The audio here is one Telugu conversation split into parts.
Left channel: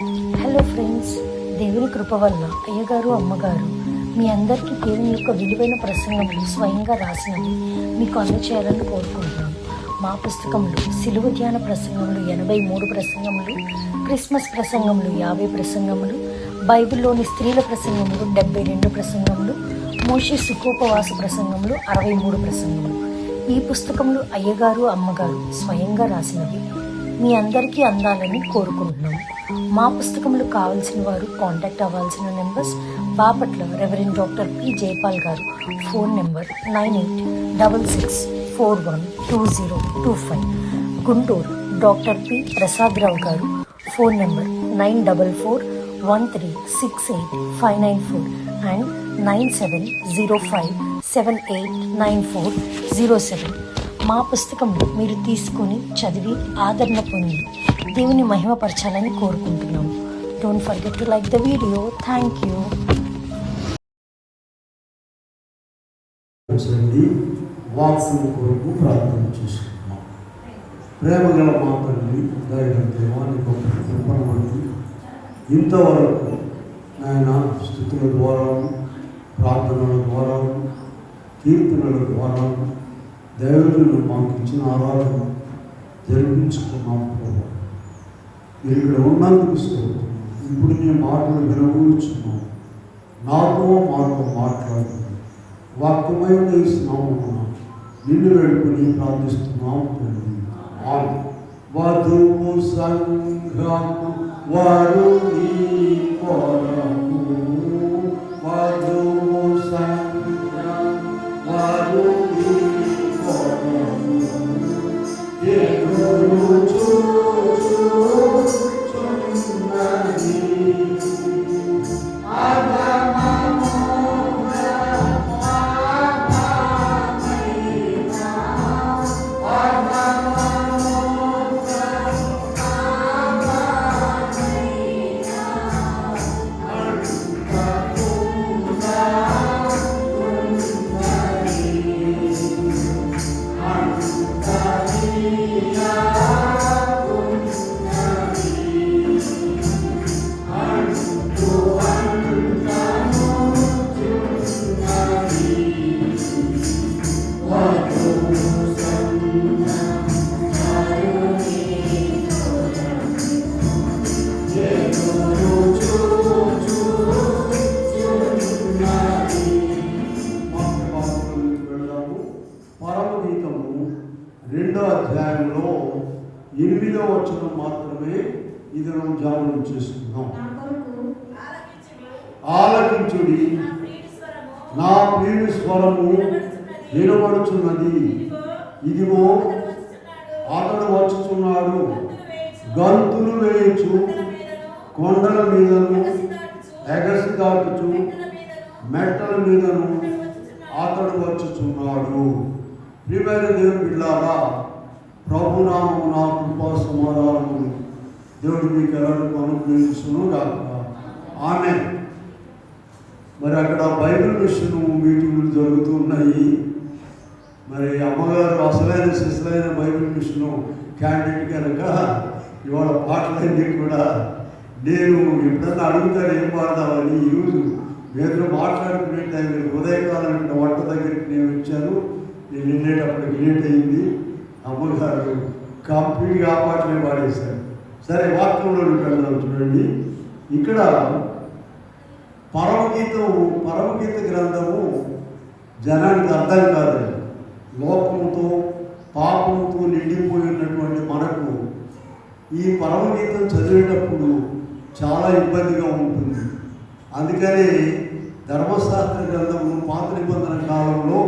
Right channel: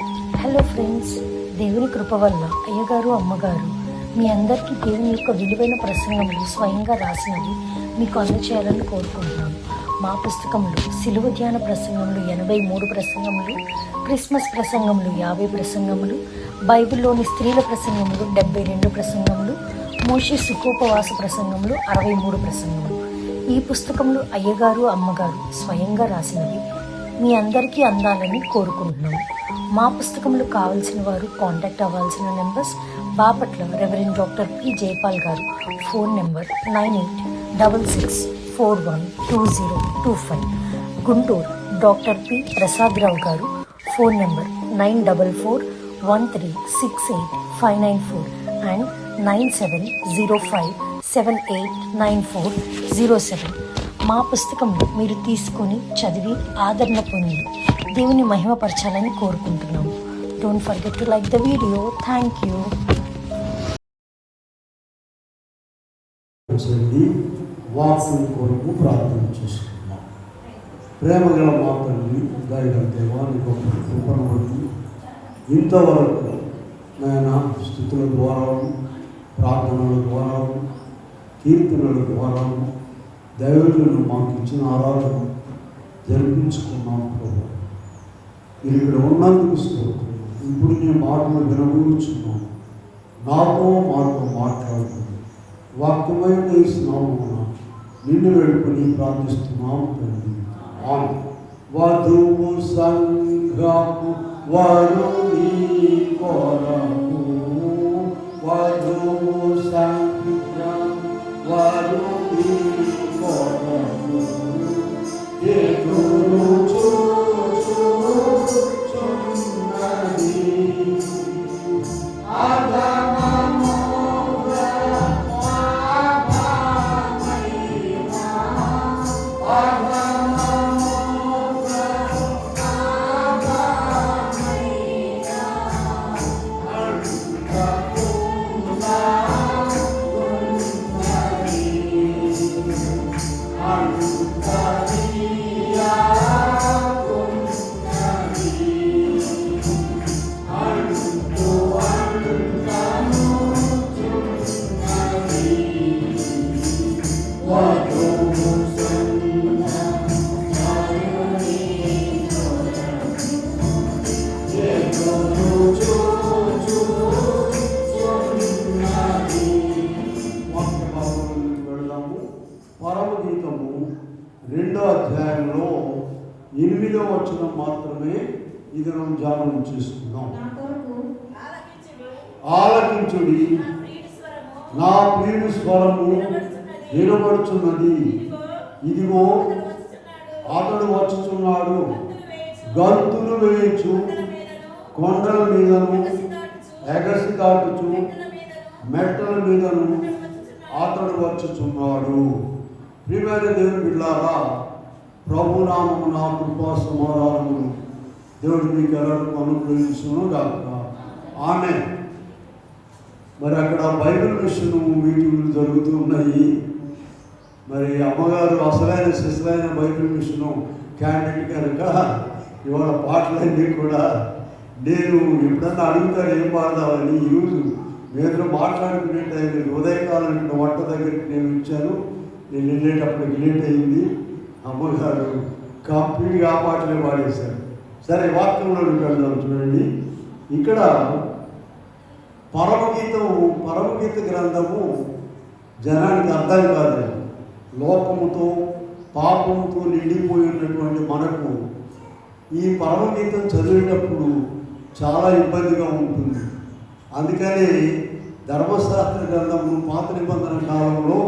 హలో ఫ్రెండ్స్, దేవుని కృప వల్ల అయ్యగారు అమ్మగారు మీ అందరికీ దేవుని యొక్క విలువైన ప్రసంగములు స్వయంగా రాసినవి మీకు అందచేయాలని కోరుకుంటున్నాను. మా పుస్తకంలో సిలువ ధ్యాన ప్రసంగములు 83 ప్రసంగములు, క్రిస్మస్ ప్రసంగములు 50 ప్రసంగములు, బైబిల్లోని స్త్రీల ప్రసంగములు 72 ప్రసంగములు, మోషే సుఖోపవాస ప్రసంగములు 63 ప్రసంగములు. ఈ పుస్తకములు అయ్యగారు అమ్మగారు స్వయంగా రాసినవి మీ అందరికీ అందాలని కోరుకుంటున్నాము. మా పుస్తకములు కావాల్సిన వారు కాంటాక్ట్ అవ్వాల్సిన numbers: Bapatla reverend doctor P Jayapal garu, phone number 9866412025. Guntur doctor P Prasad Rao garu, phone number 9413685994 and 9705789407. మా పుస్తకంలో మీరు తీసుకొని చదివి ఆదరణ పొంది దేవుని మహిమపరచాలని కోరుకుంటున్నాము. Don't forget to like the video. Thank you. ప్రార్థన చేసుకుంటున్నాం. ప్రేమగల మాత్రమే ఇంతవరకు నాయన స్తుతుల ద్వారా, ప్రార్థనల ద్వారా, కీర్తనల ద్వారా దైవజనులు మాకు ఇచ్చిన ఆరాధన జరిపించుకున్నాం. మీరు ఇక్కడ ఉన్నందుకు స్తోత్రం. ఇప్పుడు నేను మాటలు వినవచ్చున్నాను. నాతో మాట్లాడుతున్నాను. వాక్యమైన ఇస్తున్నాము. నిన్ను వేడుకొని ప్రార్థిస్తున్నాం తండ్రి. వధువు సంఘము వరుణి కొరకు, వధువు సంఘము వరుణి కొరకు ఎదురు చూచుచున్నది. పరమగీతము 2వ అధ్యాయంలో 8వ వచనం మాత్రమే ఇది మనం ధ్యానం చేసుకున్నాం. ఆలకించుడి, నా ప్రియుని స్వరము వినబడుచున్నది. ఇదిగో అతడు వచ్చుచున్నాడు, గంతులు వేయచు, కొండల మీదను ఎగసి దాటుచు, మెట్టల మీదను అతడు వచ్చుచున్నాడు. ప్రియమైన దేవుని బిడ్డలారా, ప్రభునామము నా కృపా సమాధానము దేవుడు మీకు ఎలాంటి అనుగ్రహించును గాక. ఆమేన్. మరి అక్కడ బైబిల్ మిషన్ మీటింగ్లు జరుగుతున్నాయి. మరి అమ్మగారు అసలైన శిశులైన బైబిల్ మిషన్ క్యాండిడేట్ కనుక ఇవాళ పాటలన్నీ కూడా నేను ఎప్పుడన్నా అడుగుతాను ఏం పాడదామని. ఈరోజు మీరు మాట్లాడుకునే టైంలో ఉదయకాలం వంట దగ్గరికి నేను వచ్చాను. నేను వెళ్ళేటప్పటికి లేట్ అయింది. అమ్మగారు కంప్లీట్గా ఆ పాటలే పాడేశారు. సరే, వాక్యంలోకి వెళ్దాం. చూడండి, ఇక్కడ పరమగీత గ్రంథము జనానికి అర్థం కాదు. లోకముతో పాపంతో నిండిపోయినటువంటి మనకు ఈ పరమగీతం చదివేటప్పుడు చాలా ఇబ్బందిగా ఉంటుంది. అందుకని ధర్మశాస్త్ర గ్రంథము పాత నిబంధన కాలంలో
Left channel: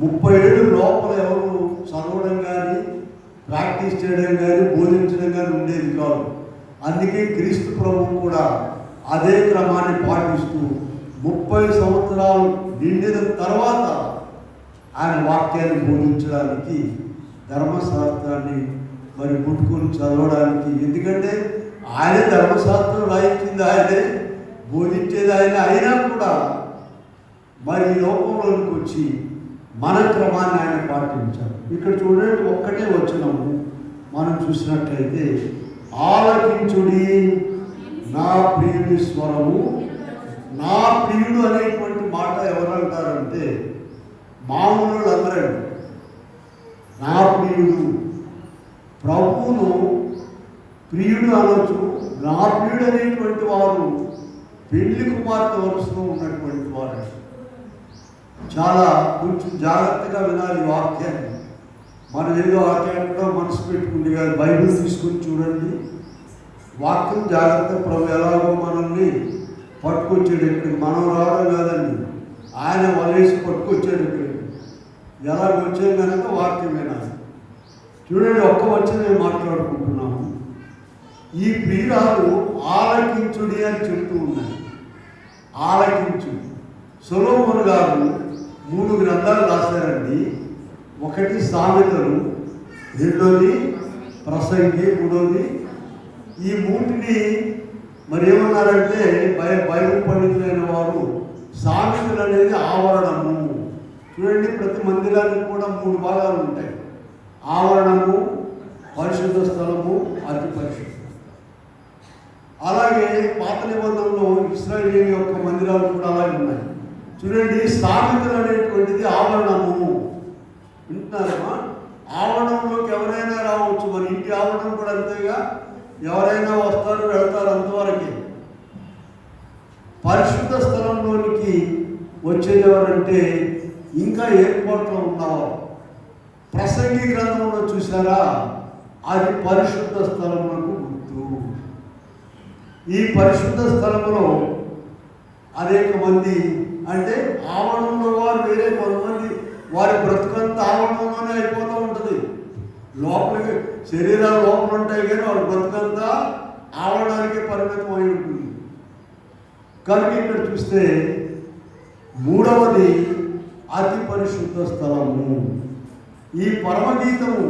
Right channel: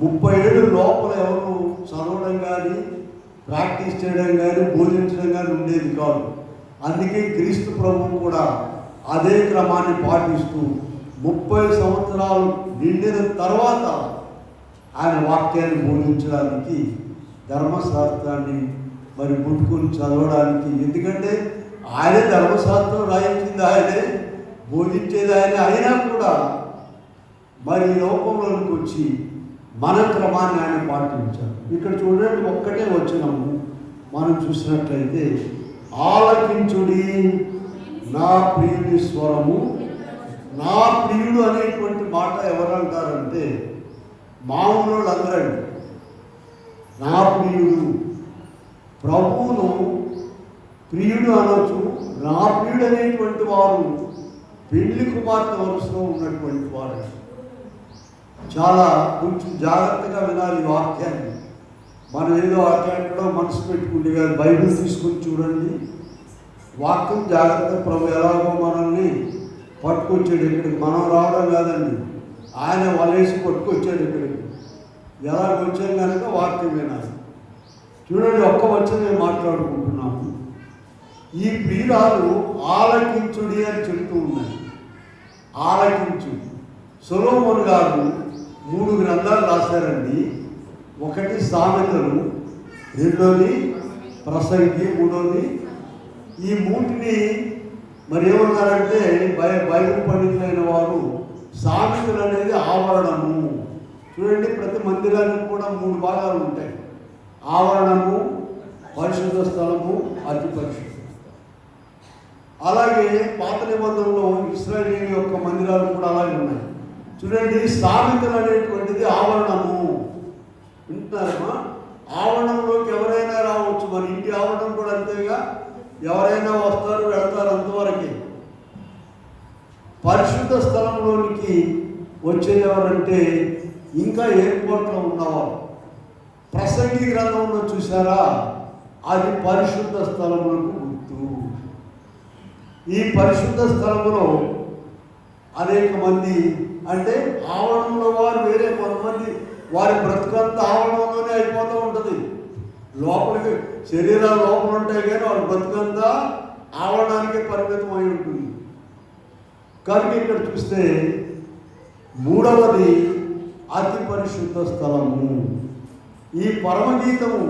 30 ఏళ్ళు లోపల ఎవరు చదవడం కానీ, ప్రాక్టీస్ చేయడం కానీ, బోధించడం కానీ ఉండేది కాదు. అందుకే క్రీస్తు ప్రభువు కూడా అదే క్రమాన్ని పాటిస్తూ 30 సంవత్సరాలు నిండిన తర్వాత ఆయన వాక్యాన్ని బోధించడానికి ధర్మశాస్త్రాన్ని మరి పుట్టుకొని చదవడానికి. ఎందుకంటే ఆయన ధర్మశాస్త్రం రాయించింది ఆయనే, బోధించేది ఆయన. అయినా కూడా మరి ఈ లోకంలోనికి వచ్చి మన క్రమాన్ని ఆయన పాటించారు. ఇక్కడ చూడండి, ఒక్కటే వచనము మనం చూసినట్లయితే, ఆలకించుడి నా ప్రియుడి స్వరము. నా ప్రియుడు అనేటువంటి మాట ఎవరు అంటారంటే మామూలు అందరండి. నా ప్రియుడు, ప్రభువును ప్రియుడు అనొచ్చు. నా ప్రియుడు అనేటువంటి వారు పెళ్లి కుమార్తె వరుసలో ఉన్నటువంటి వారు. చాలా కొంచెం జాగ్రత్తగా వినాలి వాక్యాన్ని. మనం ఏదో వాక్యాన్ని మనసు పెట్టుకుంటే కాదు, బైబిల్ తీసుకుని చూడండి. వాక్యం జాగ్రత్త. ప్రభు ఎలాగో మనల్ని పట్టుకొచ్చాడు ఇక్కడికి, మనం రావడం కాదండి, ఆయన వలేసి పట్టుకొచ్చాడు ఇక్కడికి. ఎలాగొచ్చాం కనుక వాక్యం వినాలి. చూడండి, ఒక్క వచ్చి మాట్లాడుకుంటున్నాము. ఈ ప్రియురాలు ఆలకించుడి అని చెప్తూ ఉన్నాయి. ఆలకించుడి. సొలొమోను గారు 3 గ్రంథాలు రాశారండి. ఒకటి సామెతలు, రెండోది ప్రసంగి, మూడోది. ఈ మూటిని మరి ఏమన్నారంటే బైబిల్ పండితులైన వారు సామెతలు అనేది ఆవరణము. చూడండి, ప్రతి మందిరానికి కూడా 3 భాగాలు ఉంటాయి. ఆవరణము, పరిశుద్ధ స్థలము, అతి పరిశుద్ధం. అలాగే పాత నిబంధనలో ఇశ్రాయేలు యొక్క మందిరాలు కూడా అలాగే ఉన్నాయి. చూడండి, సామెతలు అనేటువంటిది ఆవరణము. వింటున్నారమ్మా? ఆవరణంలోకి ఎవరైనా రావచ్చు. మన ఇంటి ఆవరణం కూడా అంతేగా, ఎవరైనా వస్తారు వెళ్తారు, అంతవరకే. పరిశుద్ధ స్థలంలోనికి వచ్చేది ఎవరంటే ఇంకా ఏర్పాట్లో ఉన్నవారు. ప్రసంగి గ్రంథంలో చూసారా, అది పరిశుద్ధ స్థలములకు గుర్తు. ఈ పరిశుద్ధ స్థలంలో అనేక మంది, అంటే ఆవరణంలో వారు వేరే, కొంతమంది వారి బ్రతుకంతా ఆవరణంలోనే అయిపోతూ ఉంటుంది. లోపలికి శరీరాలు లోపల ఉంటాయి కానీ వారి బ్రతుకంతా ఆవరణానికే పరిమితం అయి ఉంటుంది. కనుక ఇక్కడ చూస్తే 3వది అతి పరిశుద్ధ స్థలము. ఈ పరమగీతము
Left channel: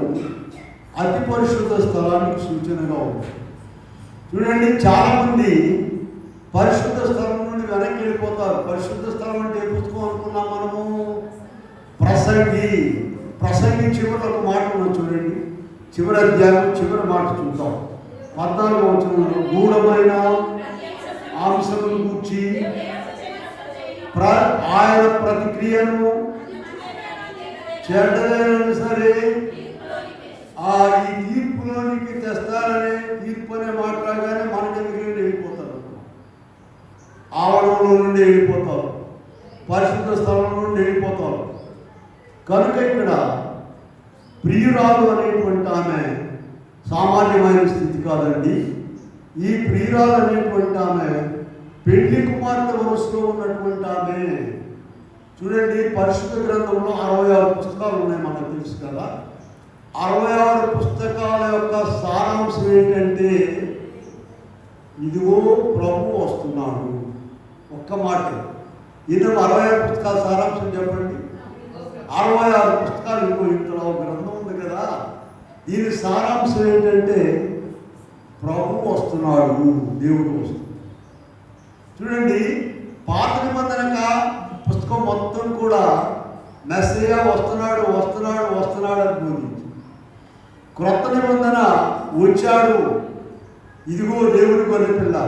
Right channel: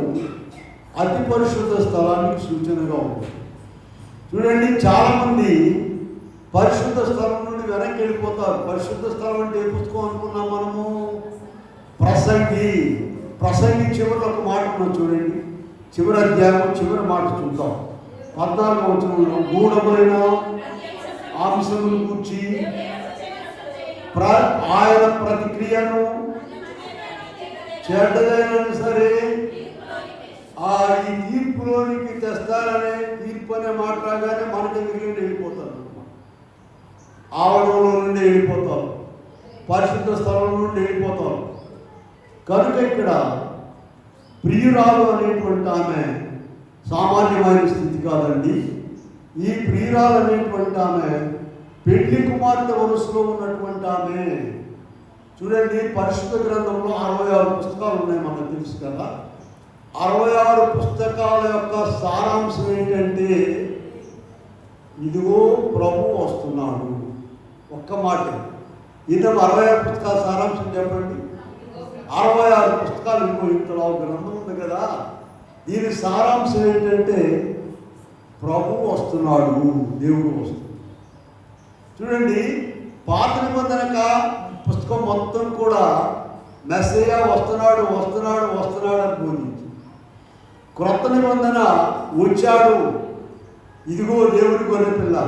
అతి పరిశుద్ధ స్థలానికి సూచనగా ఉంది. చూడండి, చాలామంది పరిశుద్ధ స్థలం నుండి వెనక్కి వెళ్ళిపోతారు. పరిశుద్ధ స్థలం అంటే ఏ పుస్తకం అనుకున్నాం మనము? ప్రసంగి. ప్రసంగి చివరి ఒక మాట మనం చూడండి, చివరి అధ్యాయం చివరి మాట చూద్దాం. 14వ వచనంలో గూఢమైన అంశమును కూర్చి ఆయన ప్రతిక్రియను చెడ్డదైనా సరే ఈ తీర్పులోనికి తెస్తారనే, తీర్పు అనే మాట్లాడగానే మన దగ్గరికి వెళ్ళిపోతారు, ఆవరణలో నుండి వెళ్ళిపోతారు, పరిశుద్ధ స్థలం నుండి వెళ్ళిపోతారు. కనుక ఇక్కడ ప్రియురాలు అనేటువంటి ఆమె సామాన్యమైన స్థితి కాదండి. ఈ ప్రియురాలు అనేటువంటి ఆమె పెళ్లి కుమార్తె వరుసలో ఉన్నటువంటి ఆమె. చూడండి, పరిశుద్ధ గ్రంథంలో 66 పుస్తకాలు ఉన్నాయి, మనకు తెలుసు కదా. 66 పుస్తకాల యొక్క సారాంశం ఏంటంటే, ఇదిగో ప్రభు వస్తున్నాడు. ఒక్క మాట. ఇది 66 పుస్తకాల సారాంశం చెప్పండి. 66 పుస్తకాలు ఇంట్లో గ్రంథం ఉంది కదా. దీని సారాంశం ఏంటంటే, ప్రభు వస్తున్నాడు, దేవుడు వస్తున్నాడు. చూడండి, పాత నిబంధన పుస్తకం మొత్తం కూడా మెస్సయ్య వస్తున్నాడు వస్తున్నాడు వస్తున్నాడు అని బోధించి, క్రొత్త నిబంధన వచ్చాడు, ఇదిగో దేవుడి గొర్రెపిల్ల.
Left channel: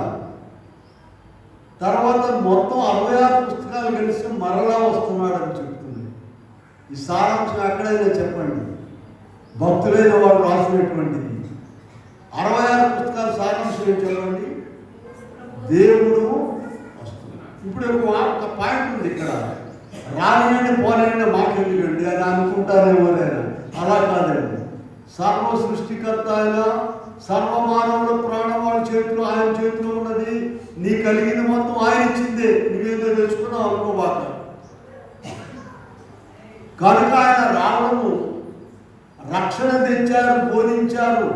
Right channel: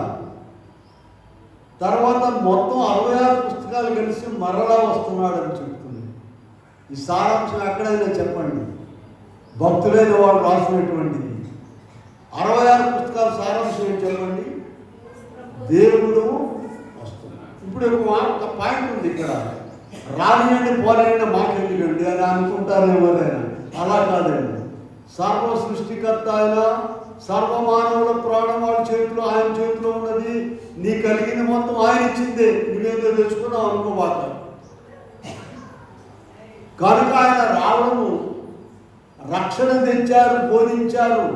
తర్వాత మొత్తం 66 పుస్తకాలు కలిసి మరలా వస్తున్నాడు అని చెప్తుంది. ఈ సారాంశం ఎక్కడైనా చెప్పండి, భక్తులైన వాడు రాసినటువంటిది. 66 పుస్తకాల సారాంశం ఏం చెప్పండి? దేవుడు వస్తున్నాడు. ఇప్పుడు ఒక పాయింట్ ఉంది ఇక్కడ, రానియండి పోలేండి మాకెళ్ళండి అని అనుకుంటారేమో. అలా కాదండి. సర్వ సృష్టికర్త ఆయన, సర్వమానవుల ప్రాణం వాళ్ళ చేతిలో, ఆయన చేతిలో ఉన్నది. నీ కలిగిన మొత్తం ఆయన ఇచ్చిందే, నువ్వేదో తెచ్చుకున్నావు అనుకోబాక. కనుక ఆయన రావడము, రక్షణ తెచ్చారు, బోధించారు,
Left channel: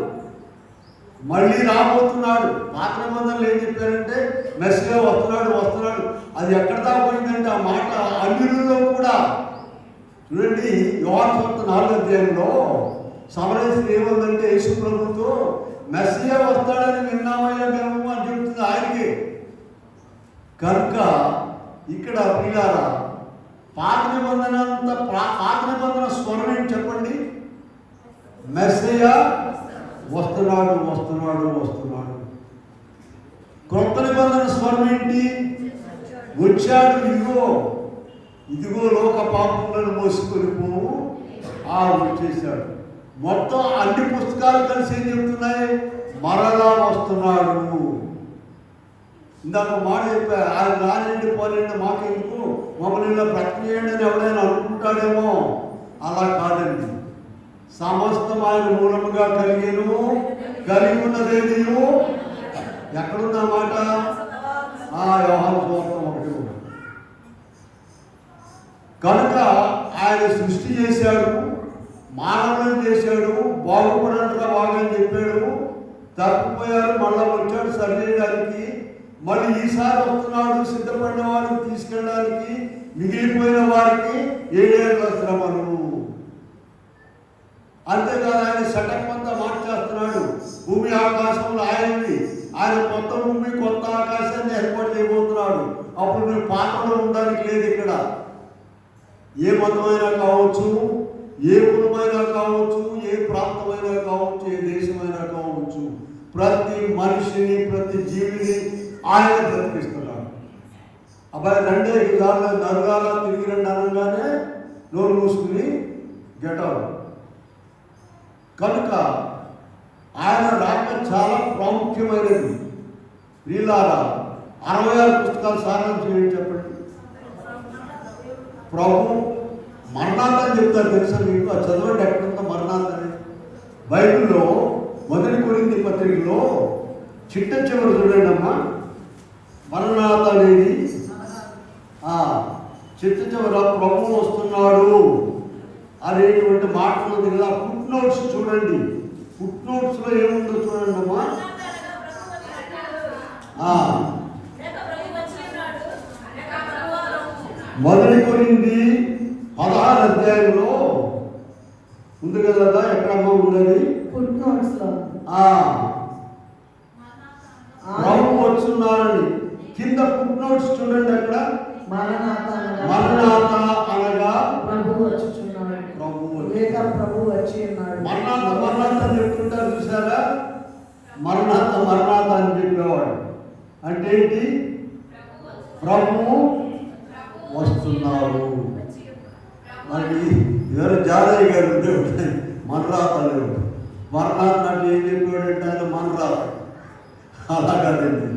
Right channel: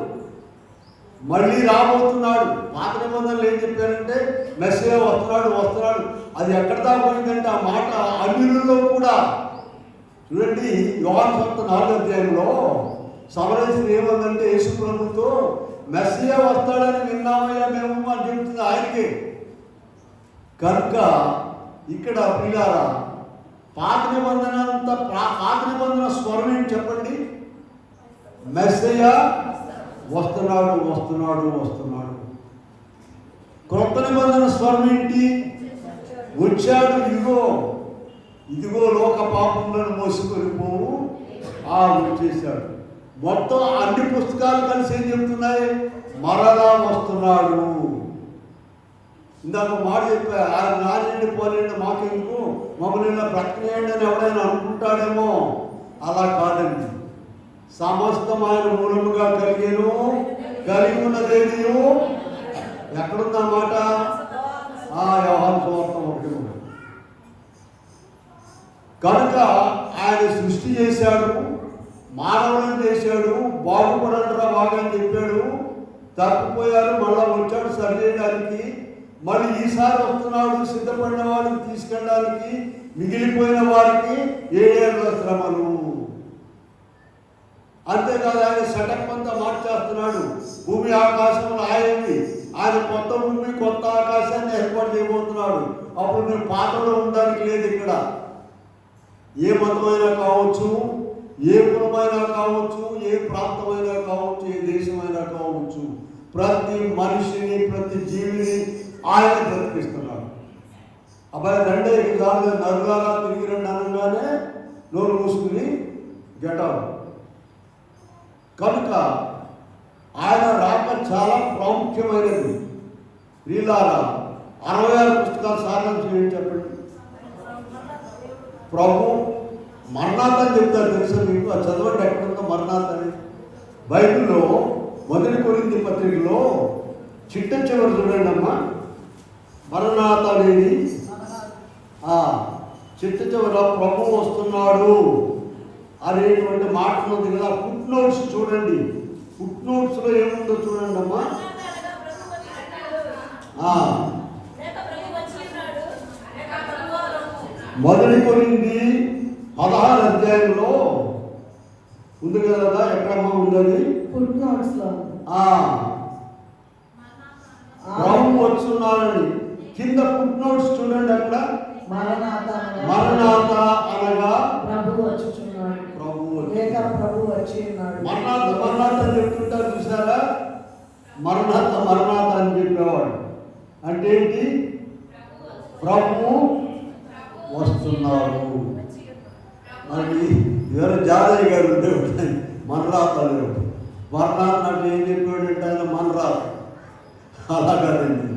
మళ్ళీ రాబోతున్నాడు. పాత నిబంధనలు ఏం చెప్పారంటే మెస్సయ్య వస్తున్నాడు వస్తున్నాడు. అది ఎక్కడ దాకా పోయిందంటే ఆ మాట అన్యులలో కూడా. చూడండి, యోహాను సువార్త 4వ అధ్యాయంలో సమరస్త్రీ ఏమందంటే యేసు ప్రభుతో మెస్సయ్య వస్తాడని విన్నామయ్యా మేము అని చెప్తుంది ఆయనకి. కనుక ఇక్కడ ప్రియులారా, పాత నిబంధన అంతా, పాత నిబంధన స్వరం ఏంటి చెప్పండి? మెస్సయ్య వస్తున్నాడు వస్తున్నాడు వస్తున్నాడు. క్రొత్త స్వరం ఏంటి? వచ్చాడు, ఇదిగో ఇదిగో లోక పాపములను మోసుకొని పోవు. వచ్చేసాడు. మొత్తం అన్ని పుస్తకాలు కలిసి ఏం చెప్తున్నాయి? మరలా వస్తున్నాడు. ఇందాక మాట చెప్పారు, ఆయన రానండి పోనండి మాకెందుకు, మమ్మల్ని బ్రతకనేయండి అని ఎవరైనా అనుకుంటాడేమో. అలా కాదండి. సమస్తం ఆయన మూలముగా కలిగి ఉన్నదేదియు ఎక్కడుందన్నమాట? యోహాను సువార్త 1. కనుక ఆయన సృష్టి చేశాడు, మానవులను చేశాడు, బాగుపడంటారా బాగా అని చెప్పాడు. తప్పిపోయారు, మళ్ళా వచ్చాడు సరిచేయడానికి. మళ్ళీ ఈసారి వస్తున్నాడు సిద్ధపడిన వారిని తీసుకెళ్ళడానికి, మిగిలిపోయిన వారికి 7 ఏళ్ల శ్రమను. అంతేకాదు ఆయన సెటప్ అంతా మార్చేస్తున్నాడు. భూమి ఆకాశంలో ఆయనవి, ఆయన కొత్త భూమి కొత్త ఆకాశాన్ని ఏర్పాటు చేయబోతున్నాడు. అప్పుడు మీరు పాత్రలో ఉండడానికి లేదు. ఇక్కడ ఏ మతమైనా కావచ్చు, ఏ కులమైనా కావచ్చు, ఏ ప్రాంతమైనా కావచ్చు, ఏ దేశమైనా కావచ్చు, ప్రతి మనిషిని ప్రతి జీవిని ఆయన బ్రతికిస్తున్నాడు. అబ్బాయి రెండే విధాలు నరుగాల తిరిగి రండి అనగానే నోరు మూసుకుని గెటవ్. కనుక ఆయన రాక చాలా ప్రాముఖ్యమైనది. వీళ్ళారా 66 పుస్తకాలు సాధన చేయండి చెప్పండి. ప్రభు మరణాత్ అని చెప్తారు తెలుసా మీకు? చదవండి ఎక్కడుందో మరణాత్ అని. బైబిల్లో 1 కొరింథీ పత్రికలో చిట్ట చివరి చూడండి అమ్మా, మరణాత్ అనేది చిట్ట చివర ప్రభు వస్తున్నాడు అనేటువంటి మాటలు ఉంది కదా. ఫుట్ నోట్స్ చూడండి. ఫుట్ నోట్స్ లో ఏముందో చూడండి అమ్మా. 1 కొరింథీ 16 అధ్యాయంలో ఉంది కదా. ఎక్కడమ్మా ఉన్నది? ఫుట్ నోట్స్ లో ప్రభు వస్తున్నాడని కింద ఫుట్ నోట్స్ చూడండి. అక్కడ మరణాత అనగా ప్రభు వచ్చుచున్నాడు, ప్రభు వచ్చి ఉన్నాడు. మరణాత అని చెప్తుంటారు చూసారా? మరణాత అని చెప్పేవాడు అంటే ఏంటి? ప్రభు వస్తున్నాడు. మరి ఎవరు జాదయ్య గారు ఉంటే మరణాతలు అంటే ఏం చెప్పాడంటే ఆయన మరణాత. అలా కాదండి.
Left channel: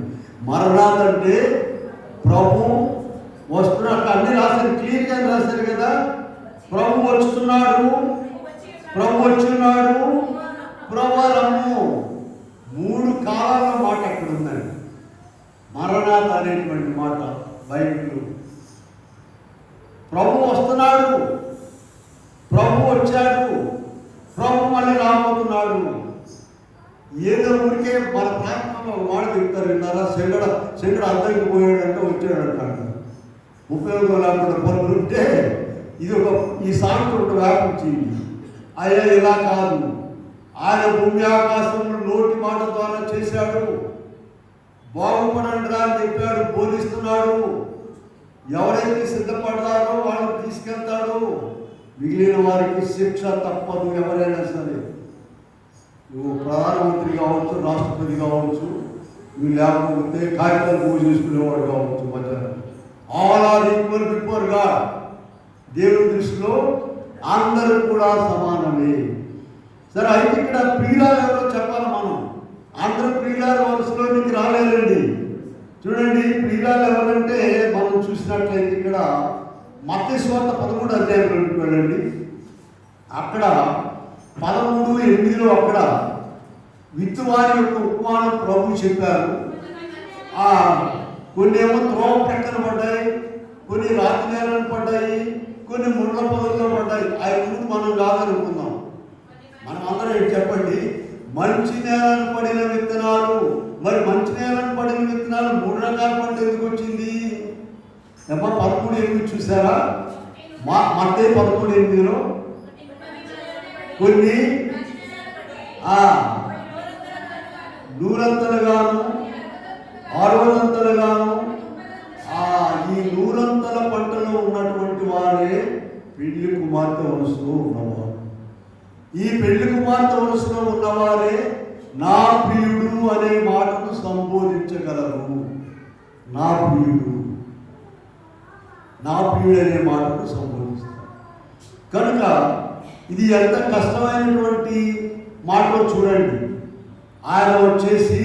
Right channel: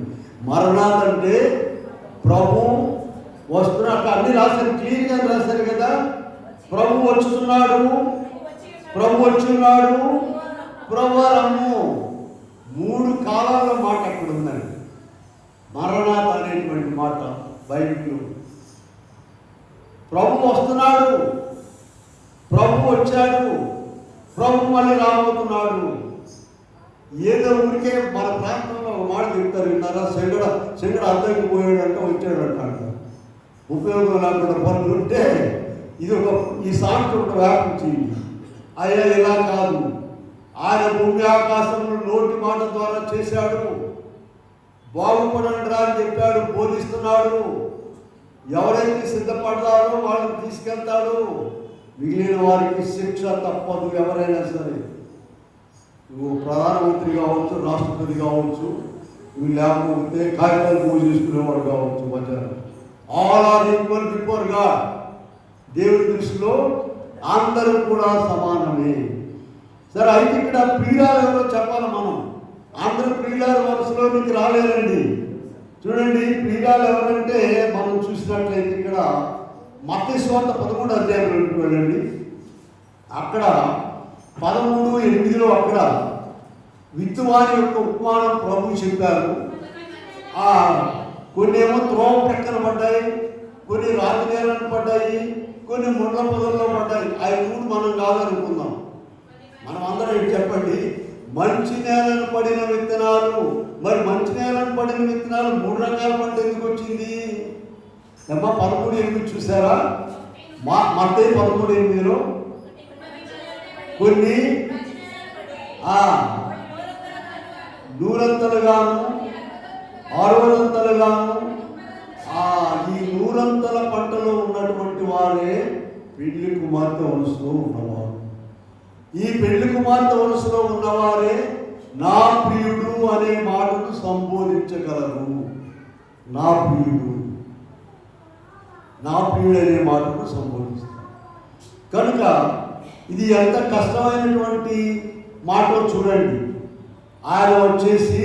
మరణాత్ అంటే ప్రభు వస్తున్నాడు. అన్ని రాశారు, క్లియర్గా రాశారు కదా. ప్రభు వస్తున్నాడు, ప్రభు వచ్చిన్నాడు, ప్రభారము. 3 కాలాల మాట అక్కడ ఉందండి. మరణాత్ అనేటువంటి మాట బైబిల్లో. ప్రభు వస్తున్నాడు, ప్రభు వచ్చాడు, ప్రభు మళ్ళీ రాబోతున్నాడు. ఏదో ఊరికే మన ప్రాంతంలో మాట చెప్తారు, విన్నారా? శంకడ అద్దరికి పోయాడంటే వచ్చాడు అంటాడు. ఉపయోగం లేకుండా పనులు ఉంటే ఇది ఈ సామెత ఒక వ్యాపించింది. అయ్యా ఇలా కాదు, ఆయన భూమి ఆకాశంలో నోటి మాట ద్వారా చేశాడు. బాగుపడండి అని చెప్పాడు, బోధిస్తున్నాడు. ఎవరైతే సిద్ధపడతారో వాళ్ళని తీసుకెళ్తాడు. మిగిలిన వారికి శిక్ష తప్పదు. ఎవరైనా సరే, నువ్వు ప్రధానమంత్రి కావచ్చు, రాష్ట్రపతి కావచ్చు, నువ్వు లేకపోతే కాగితాలు పూజ చేసుకునేవాడు కావచ్చు, మధ్యాహ్నం all are equal before God. దేవుడి దృష్టిలో అందరూ కూడా సమానమే. సరే, అయితే ఇక్కడ ప్రియురాలు ఎవరో చెప్పాలి మనం. అందరూ ప్రియురాలు వరుసలోనికి రాలేరండి. చూడండి, ప్రియురాలు ఎవరంటే మనం చూసినట్లయితే ఇక్కడ మత్తయి సువార్త 13 అధ్యాయంలోకి వెళ్ళండి. అక్కడ 13:8 అక్కడ విత్తువారి యొక్క ఉపమానం ప్రభు చెప్పారు. కొన్ని ఏమో త్రోవ ప్రక్కన పడ్డాయి, కొన్ని రాతి నేలను పడ్డాయి, కొన్ని ముళ్ళ పొదల్లో పడ్డాయి. అవి 3 మనం కాదనుకుందాం. మనం అందరం చెప్పండి, మంచి నేలను పడిన విత్తనాలు. మరి మంచి నేలను పడిన విత్తనాలు 3 రకాల పంట ఎందుకు వచ్చింది? 13:8 చూసారా? మత్తయి 13:8లో కొన్ని 100 60 ఈ 100 పంటలో ఉన్నటువంటి వారే పెళ్లి కుమార్తె వరుసలో ఉన్నవారు. ఈ పెళ్లి కుమార్తె వరుసలో ఉన్నవారే నా ప్రియుడు అనే మాటను సంబోధించగలరు. నా ప్రియుడు, నా ప్రియుడు అనే మాటను సంబోధిస్తారు. కనుక ఇది ఎంత కష్టమైనటువంటి మాటలో చూడండి. ఆయన వచ్చేసి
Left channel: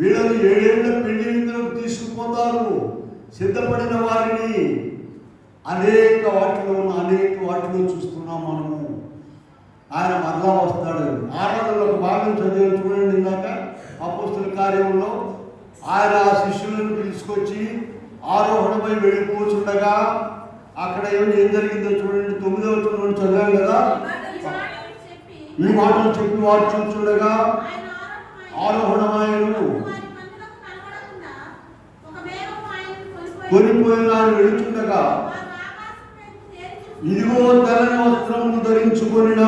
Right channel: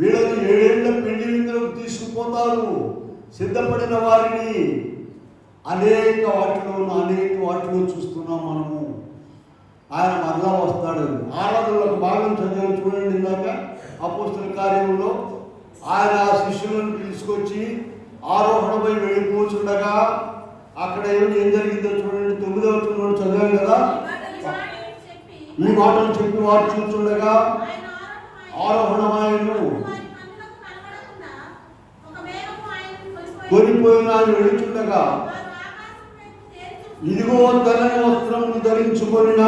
వీళ్ళని 7 ఏళ్ల పెళ్లి విందులకు తీసుకుపోతారు. సిద్ధపడిన వారిని అనేక వాటిలో చూస్తున్నాం మనము. ఆయన మరలా వస్తాడు. ఆరాధనలో ఒక భాగం చదివి చూడండి. ఇందాక అపోస్తల కార్యంలో ఆయన ఆ శిష్యులను తీసుకొచ్చి ఆరోహణపై వెళ్ళిపోతుండగా అక్కడ ఏం జరిగిందో చూడండి. 9వ వచనంలో చదివాం కదా. ఈ మాటలు చెప్పి వారు చూస్తుండగా ఆరోహణమాయను కొనిపోయిన ఆయన వెళుతుండగా ఇదిగో తెల్లని వస్త్రమును ధరించుకొనిన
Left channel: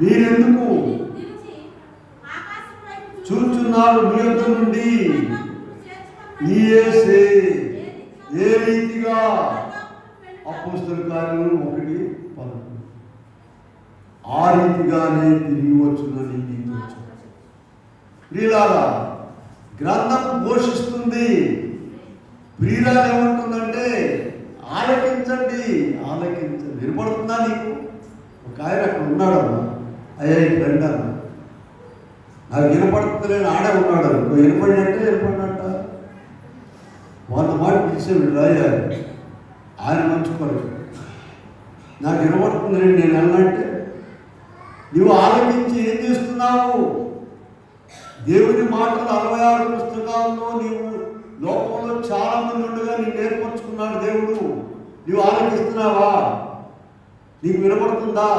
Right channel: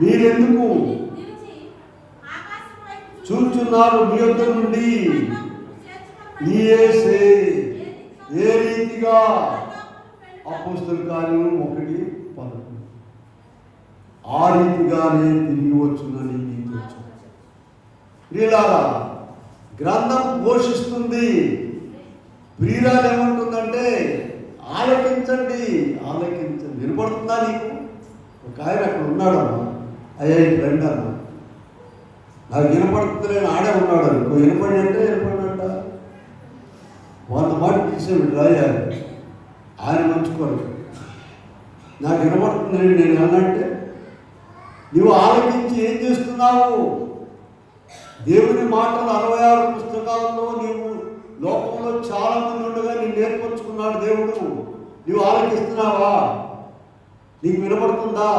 మీరెందుకు చూచున్నారు? మీ యొద్ద నుండి ఏ రీతిగా అపోస్తల కార్యం 1:11 ఆ రీతిగానే తిరిగి వచ్చునని మీకు ప్రియులారా, గ్రంథం ఘోషిస్తుంది. ప్రియురాలు ఏమంటుందంటే ఆలకించండి, ఆలకించండి. వినపడుతుందా నీకు? ఒక ఆయన అక్కడ ఉన్నాడమ్మా, అయ్యా ఇట్లా అన్న నాకు వినపడుతుంది, ఆడే ఉన్నాడు అనుకో. వినపడినట్టే వినపడినట్ట వంద మాట తీసేవి రాయాలి. ఆయన మంచుకోడు. నాకు వినపడుతుంది నేను అన్నట్టే. నువ్వు ఆలోచించి ఏం చేస్తున్నావు? దేవుని మాటలు 66 పుస్తకాల్లో నీవు లోకంలో చాలా మంది ఉండగా నీవు నేర్పరుచుకున్నాడు దేవుడు. నువ్వు ఆలోచిస్తున్నావా? నీకు వినపడుతుందా?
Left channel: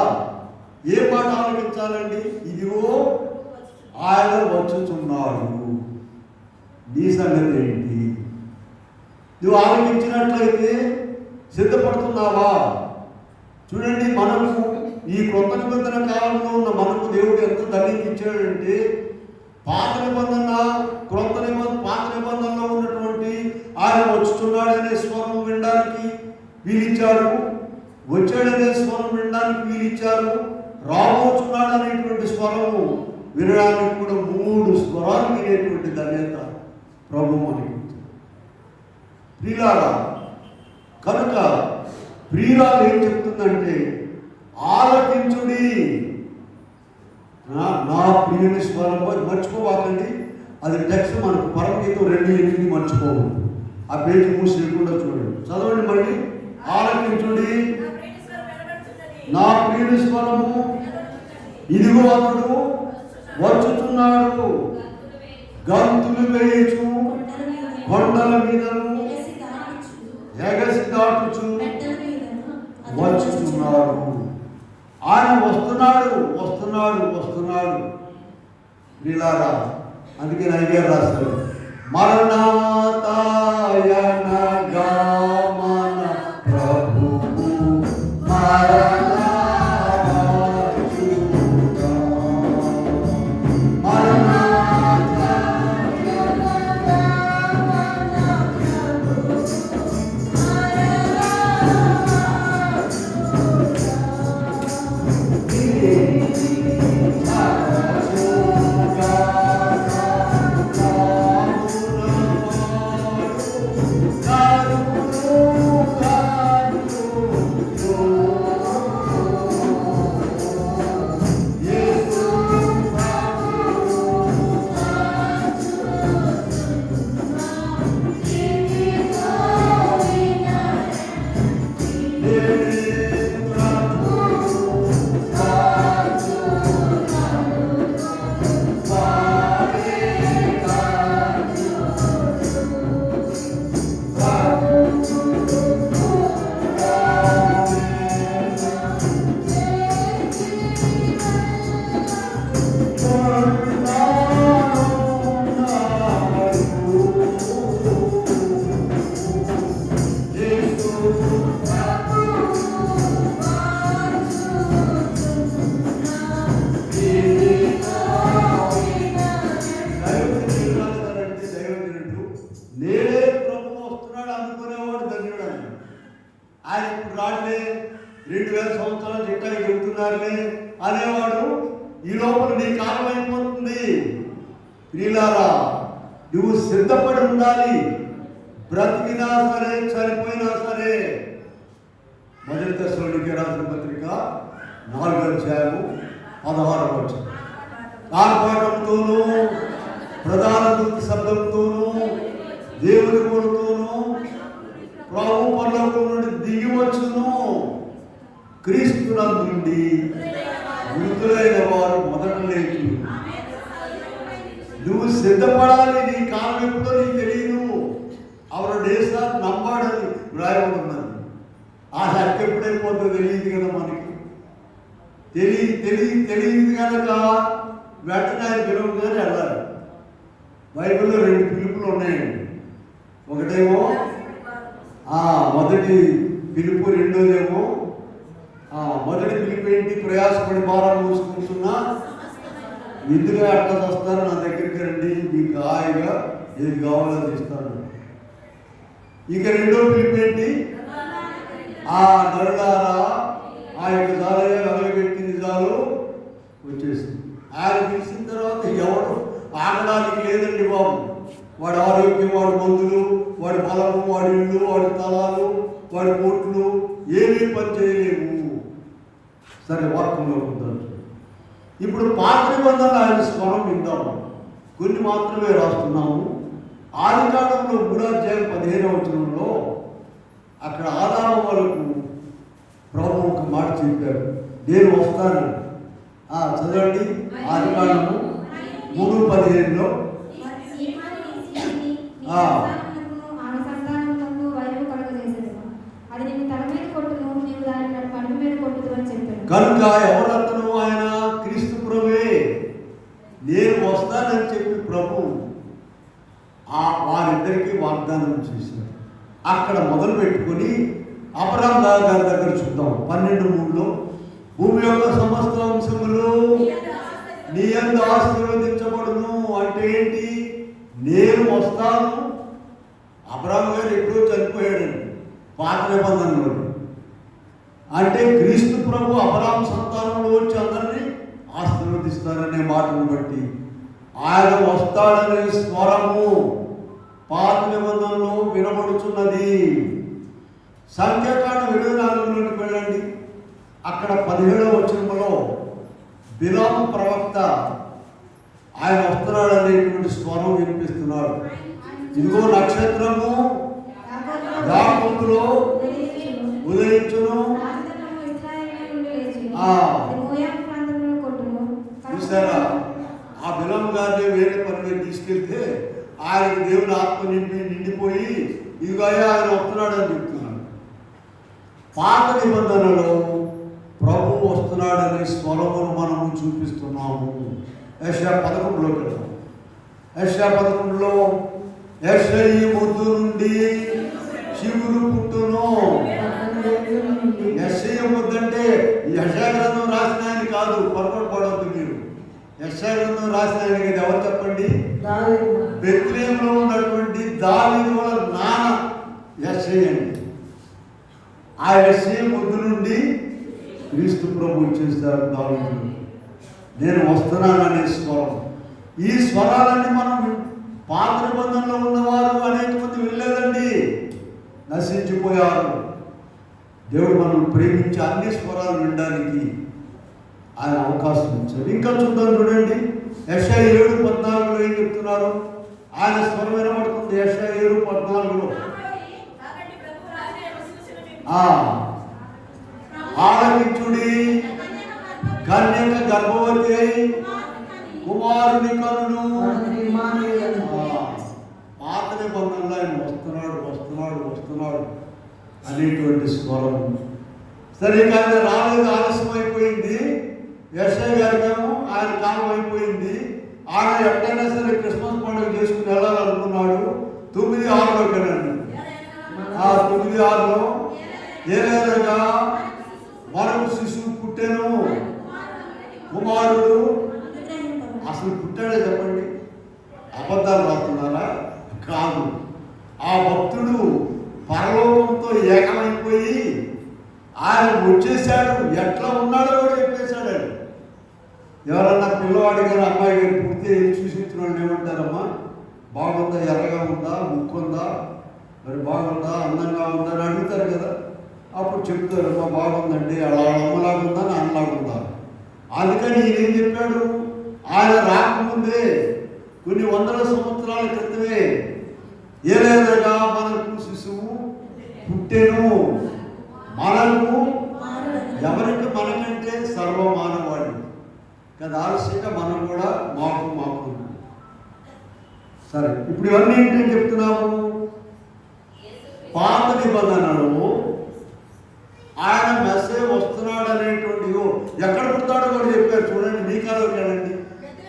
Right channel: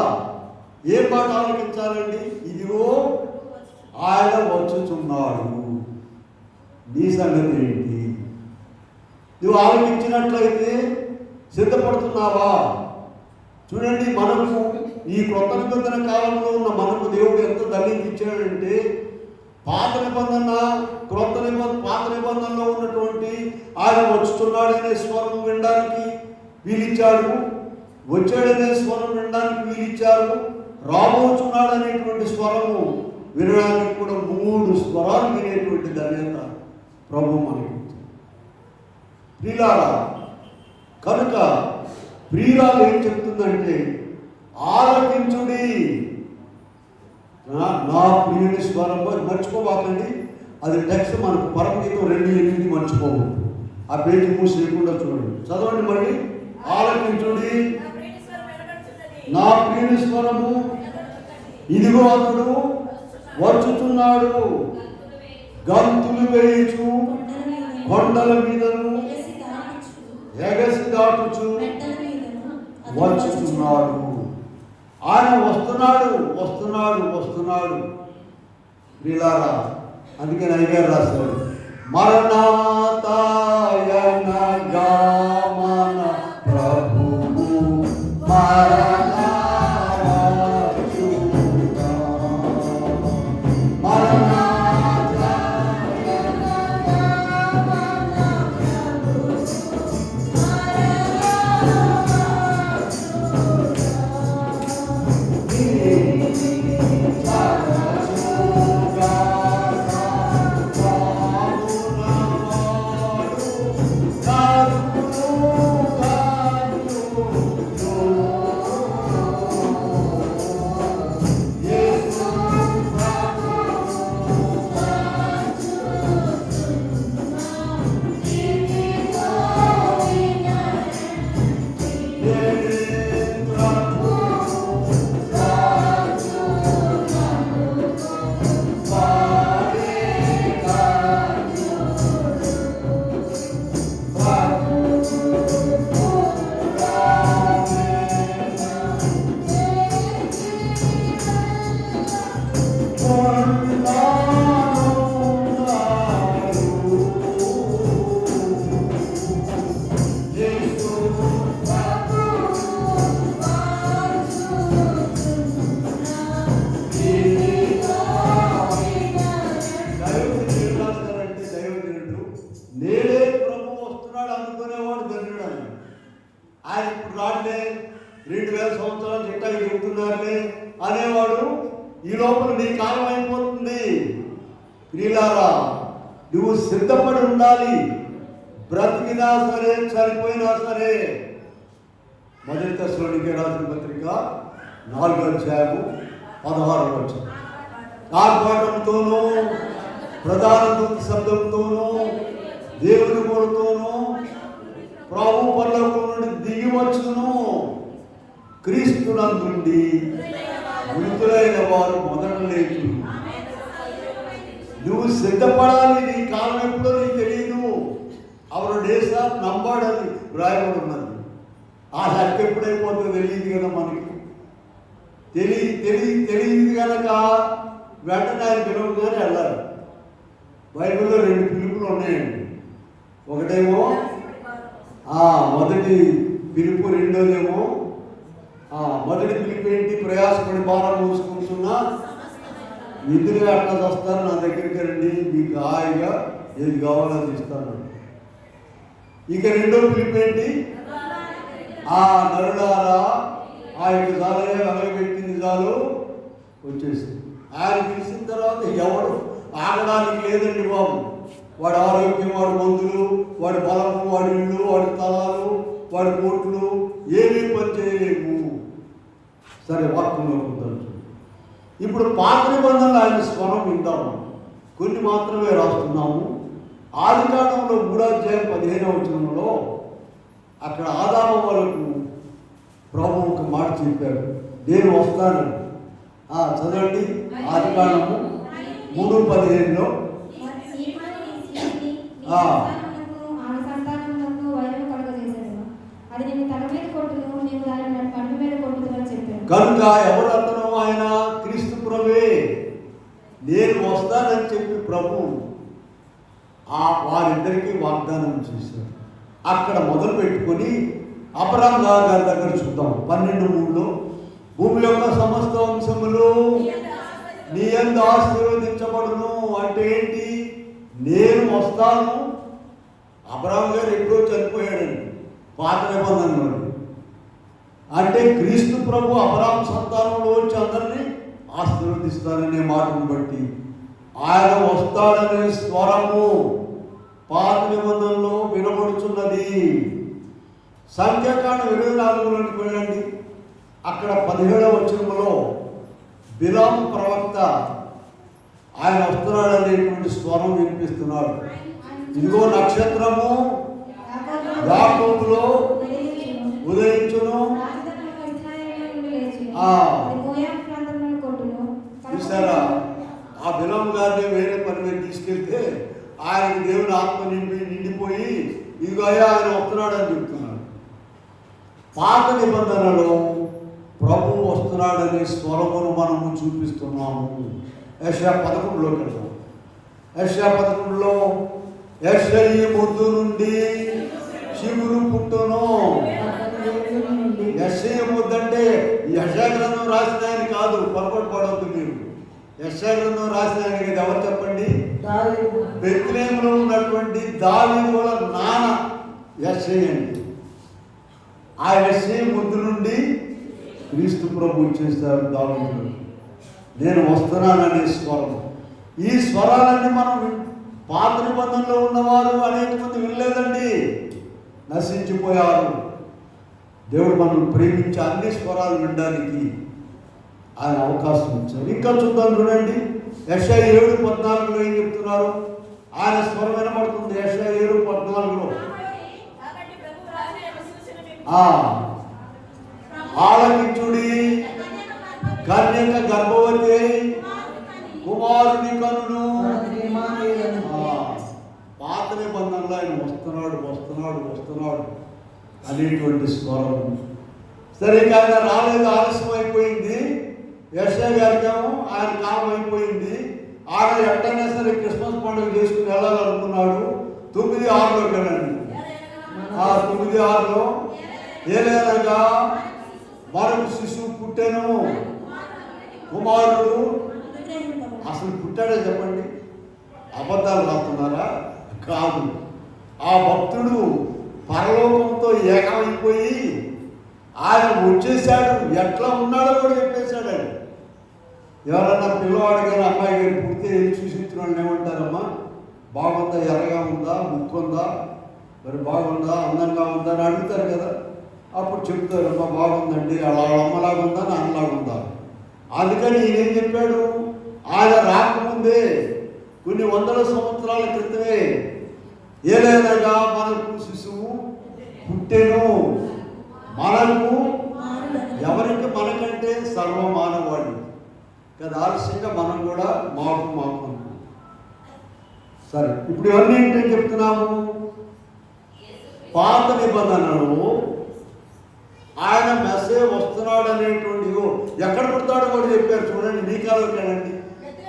ఏ మాట ఆలోచించాలండి? ఇదిగో ఆయన వచ్చుచున్నాడు. నీ సంగతి ఏంటి? నువ్వు ఆలోచించినట్లయితే సిద్ధపడుతున్నావా? చూడండి, మనకు ఈ కొత్త నిబంధన కాలంలో ఉన్న మనకు దేవుడు ఎంత ధన్యత ఇచ్చాడంటే, పాత నిబంధనలో ఉన్నటువంటి ఆయన వచ్చుతున్నాడనే స్వరం వినడానికి వీలిచ్చాడు, వచ్చాడనే స్వరం వినడానికి వీలిచ్చారు, రాబోతున్నాడనేటువంటి స్వరము వినడానికి కూడా 3 స్వరాలు వినేటువంటి ధన్యత ప్రభు మనకి ప్రియులారా. కనుక ప్రియురాలు ఏం చెప్తుందంటే ఆలకించుడి, నా ప్రియుని స్వరం. మర్చిపోబాకండి, అది టెక్స్ట్ మనకు పరమగీతం 2:8 మర్చిపోవు. ఆ పేజీ మూసి కూడా చూడండి, చదవండి మళ్ళీ. ఆలకించుడి, నా ప్రియుని స్వరము, ఇదిగో అతడు వచ్చుతున్నాడు, గంతులు వేయుచు కొండల మీదను ఎగసి దాటుచు వచ్చుతున్నాడు. ఆయన వస్తున్నాడు. వీళ్ళారా, అందుకే నైవేద్యం రాస్తారు, మరణాతాయనగా మన ప్రభువు ప్రియులారా, నువ్వు సిద్ధపడి ఉండాలి. బ్రతికినా సరే, చనిపోయినా సరే. మొదటి దశలోనికి రాసిన పత్రిక 4:16 ఆర్భాటంతోనూ ప్రధాన దూత శబ్దంతోనూ దేవుని కొడుతోనూ ప్రభు పరలోకం నుండి దిగి వచ్చును. క్రీస్తునందుండి మృతులైన వారు మొదట లేచి. నువ్వు సిద్ధపడాలి. నీ కాలం ఎప్పుడో నీకు తెలియదు. అవరు డేస్ ఆఫ్ నంబర్డ్ అని వ్రాయబడి ఉన్నది. ఆ హక్కు ఎప్పుడైపోతుందో తెలియదు కదా మనకి. తెలియదు కనుక వెంటనే ఆయన పిలుపుగానే వెళ్ళాలి. బైబిల్లో 2 పిలుపులు ఉన్నాయండి. ఒకటేమో మొదటి పిలుపు, రెండోదేమో మొదటి పిలుపు ఏంటి? ప్రయాసపడి భారం మోసుకుంటున్నా ఎందుకుగా అట్లా వస్తారు, నా దగ్గరికి రండి, మీకు హాయిగా ఏది కావాలో అది ఇస్తాను. ఇక రెండో పిలుపు ఏంటి? నరులారా, ఆ యొక్క జాలయ వెలగబెట్టింది చాలు వచ్చేసింది. ఆయన పిలిచిన తర్వాత ఎవడు ఆగడానికి లేదండి బాబు. వాడి ఆరోగ్యం, వాడి మందులు, వాడి బలము, వాడి ఇళ్ళు, వాడి తలాలు, వాడి కోట్లు ఏమీ పని చేయలేము. సరే, వాక్యంలో కుదరదు. ఇప్పుడు పాత నిబంధనలు ఆయన స్వరం విందాము. కొన్ని మాత్రమే రాస్తున్నాము. ఆదికాండంలో 3:15 అక్కడ ఆదాము వరకు ప్రభు ఒక మాట చెప్పాడు, నేను వస్తాను. చదవండి. ఆదికాండము 3:15 కనుక ఎవరు అతను? ఆయన క్రీస్తు ప్రభువే. నేను వస్తానని చెప్పి ప్రభు వారిద్దరికీ వాగ్దానం చేశాడు. అక్కడ మొదలు పెట్టుకొని అబ్రహాము గారి దగ్గర చూద్దాం. 12:3 భూమి యొక్క సమస్త వంశములు నీ యందు ఆశీర్వదించబడును. అంటే ఏంటి? నేను వస్తాను. అబ్రహాము గారు ఎప్పుడో చనిపోయాడండి పాత నిబంధనలో. అంటే క్రీస్తు ప్రభు అబ్రహాము సంతానంలో వచ్చి అందరినీ ఆశీర్వదిస్తారనే మాటను బట్టి ఆయన వస్తాడనే స్వరము పాత నిబంధనలో వినబడుచున్నది. సంఖ్యాకాండం 24లోకి వెళ్ళండి. అక్కడ 17వ వచనంలో బిలాము ప్రవక్త ఆయన వస్తున్నాడు అనేటువంటి స్వరం వినిపిస్తున్నాడు. ఇదిగో నక్షత్రము యాకోబులో ఉదయించును. చూసారా? ఆ బిలాము గారిని వేరే పని మీద తీసుకెళ్తే ఆయనకు దేవుని ఆత్మ నిండిపోయి ఇదిగో ఆయన వస్తున్నాడు అని చెప్తున్నాడు. పాత నిబంధనలో ప్రభు వస్తున్నాడనే స్వరమును మనము చూపిస్తున్నాము. యెషయా 11లోకి వెళ్తాం. యెషయా 11లో యెషయి ముద్దు నుండి శివుడు పుట్టును. యెషయి ముద్దు అంటే యెషయా గ్రంథం రాసిన ఆయన కాదు, పొరపాటు పడవద్దు మీరు. యెషయా గ్రంథం రాసిన ఆయన కదా, ఎవరు చెప్పండి? బెత్లెహేములో ఉన్నటువంటి దావీదు వాళ్ళ నాన్న యెషయి అండి. ఆ యెషయి ముద్దు నుండి క్రీస్తు ప్రభు చేస్తారు దావీదు. నేను వస్తున్నాననే స్వరం. ఈ స్వరాలన్నీ మనం పాత నిబంధనలో ఉన్నవారు అనేక మంది వినలేదండి, నశించిపోయారు. దేవుడు మనం ప్రేమించి అన్ని స్వరాలు వినడానికి ఆయన అవకాశం ఇచ్చారు. ఇంకా చూద్దాం, చూడండి. యెషయా 7:14 ఏం చెప్తున్నారు? ఆయన స్వరం వినబడుతుంది. యెషయా 7:14 ఆలకించుడి, కన్యక గర్భవతి కుమారుని కనుడు. పాత నిబంధనలో ఆయన వస్తున్నాడు అనేటువంటి స్వరం. సరే, ఆయన రాలేదు, ఆలస్యం అయిపోయింది. యెషయా గారికేమో ఆయన కాలం అయిపోయింది. ఆయన ఎట్టయినా సరే క్రిస్మస్ పండుగ చేసుకుని వెళ్ళాలనుకున్నాడు. 9:6 కదండి. 9:6 ఏలైనగా మరొక శిశువు పుట్టెను, కుమారుడు. అసలు పుట్టాడే చెప్పండి, అబద్ధాలు రాస్తున్నారా? కాదు. ఆ భక్తుడు పరలోకంతో ఏకమైపోయి ఆయన వచ్చేసాడు. ఎట్లా ఉన్నాడో కూడా చెప్పేశాడు. ఎవరన్నా పిల్లవాడి గారు అమ్మాయి గారు పుడితే పుడితే ఏం చూసించిన వాళ్ళు ఏమంటారమ్మా, బాగుందా, ఎర్రగా ఉందా, ముక్కు ఉందా, మరి బాగుందా, అందంగా ఉందా అని అడుగుతారు కదా. అప్పుడు చెప్తారు, అమ్మా బాగుందండి, అలా అమ్మలాగా ఉందా, నాన్నలాగా ఉందా. అందుకని ఈయన చెప్పాడు, ఆయన రాకముందే కొన్ని వందల సంవత్సరాల క్రితమే ఏలేదగా మనకు శిశువు పుట్టెను, మనకు ఎవరికి, మనకంటే సర్వమానవాడి కదా, ఆలస్యంగా మనం కూడా మాకు సరే. ఇప్పుడు ఇవన్నీ ఏంటని చెప్తున్నాము, పాత నిబంధనలు ఆయన మెసేజ్ వస్తున్నాడు అనేటువంటి ఎక్కడ పుడతాడో కూడా చెప్పారు. చూడండి, మీకాలోకి వెళ్ళండి,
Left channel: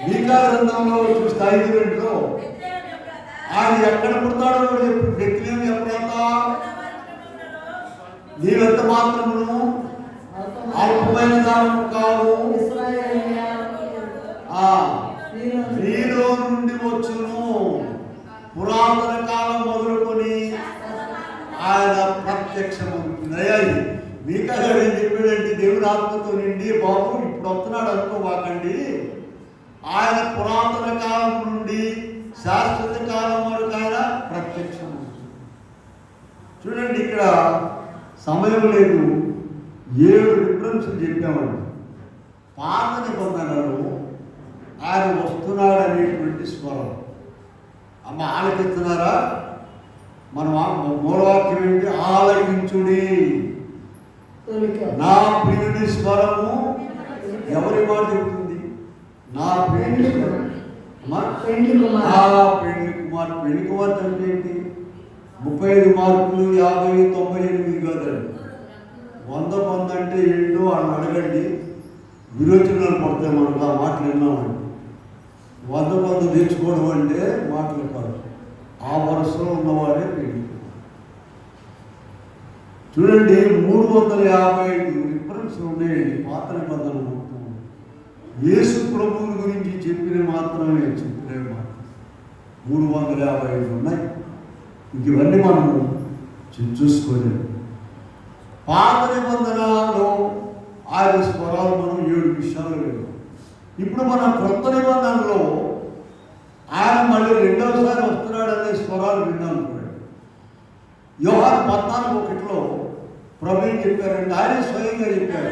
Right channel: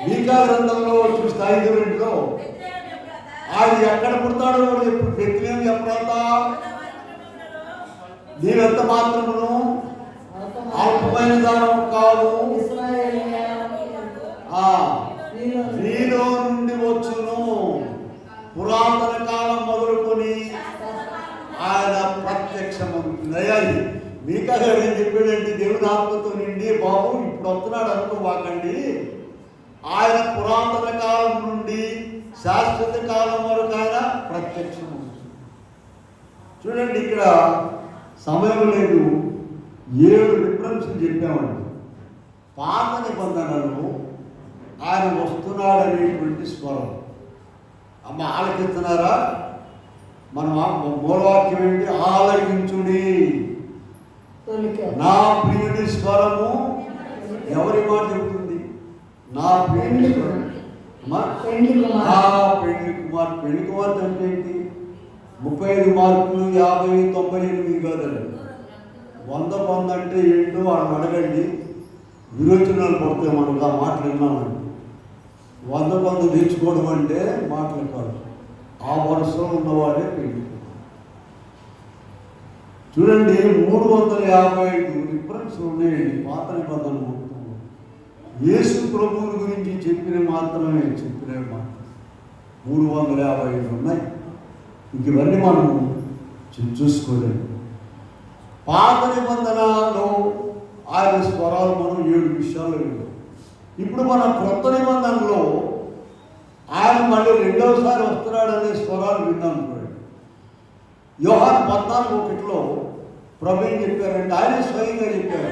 మీకా గ్రంథంలో చూస్తే 5:2 ఆయన ఎక్కడ పుడతాడో కూడా చెప్పి, బెత్లెహేము ఎప్పుడంతా నీవెంత మాత్రమును అల్పమైన దానం కాదు, నీలో నుండి వచ్చును, పురాతన కాలం మొదలుకొని ఆయన ప్రత్యక్షమవుతుంది. మీకా గారు ఏం చెప్పాడండి, దేవుని ఆత్మతో నిండి, బాబు ఇప్పుడు వస్తున్నాడు అనుకోవాకండి, ఆయన పురాతన కాలం నుండి శాశ్వత కాలం వరకు ఆయన ప్రత్యక్షమవుతుంది. చూడండి, ఇక్కడ సమయం లేదు, 7 రిఫరెన్స్లు చెప్పామండి. పాత నిబంధనలు ఆయన వస్తున్నాడు అనేటువంటి స్వరం. అమ్మ ఆలకిస్తున్నారా? మన మూలవాక్యం ఏంటి? ఆలకించుడి నా ప్రియుడి స్వరము. ఎవరి మాట చెబుతుంది? నా ప్రియుడి స్వరం. నా పెళ్లి కుమార్. పెళ్లి కుమార్తె అంటే ఏంటి? 35 మార్కులు 50, 98 కాదండి. 100 అంటే ఏంటో వాళ్ళని అడగండి, విరోచనాలు పడతాయి. మనకు ఆ మాటలు విన్నామండి. 100 నేర్చుకోవడం అంటే మాటలు కాదు, ఆ వరుసలో ఉన్నవాడే పెళ్లి. చూడండి, 355 రిఫరెన్స్లు ఉన్నాయండి పాత నిబంధనలు. యేసు ప్రభువుల గురించి చెప్పిన మాత్రమే, చెప్పిన మాట 355 ఉన్నాయి. ఇంక ఇవన్నీ మనము చూసుకోలేము. పాత నిబంధనలో ఆయన స్వరాలు మనం 7 విషయాలు లేదు. ఇప్పుడు మన కొత్త నిబంధనలో ఆయన మళ్ళీ రెండవసారి వస్తున్నాడనే స్వరాలు విన్నాం. యోహాను 14:1 ప్రభు ఏం చెప్పారంటే, ఆయన స్వయంగా చెప్పారు,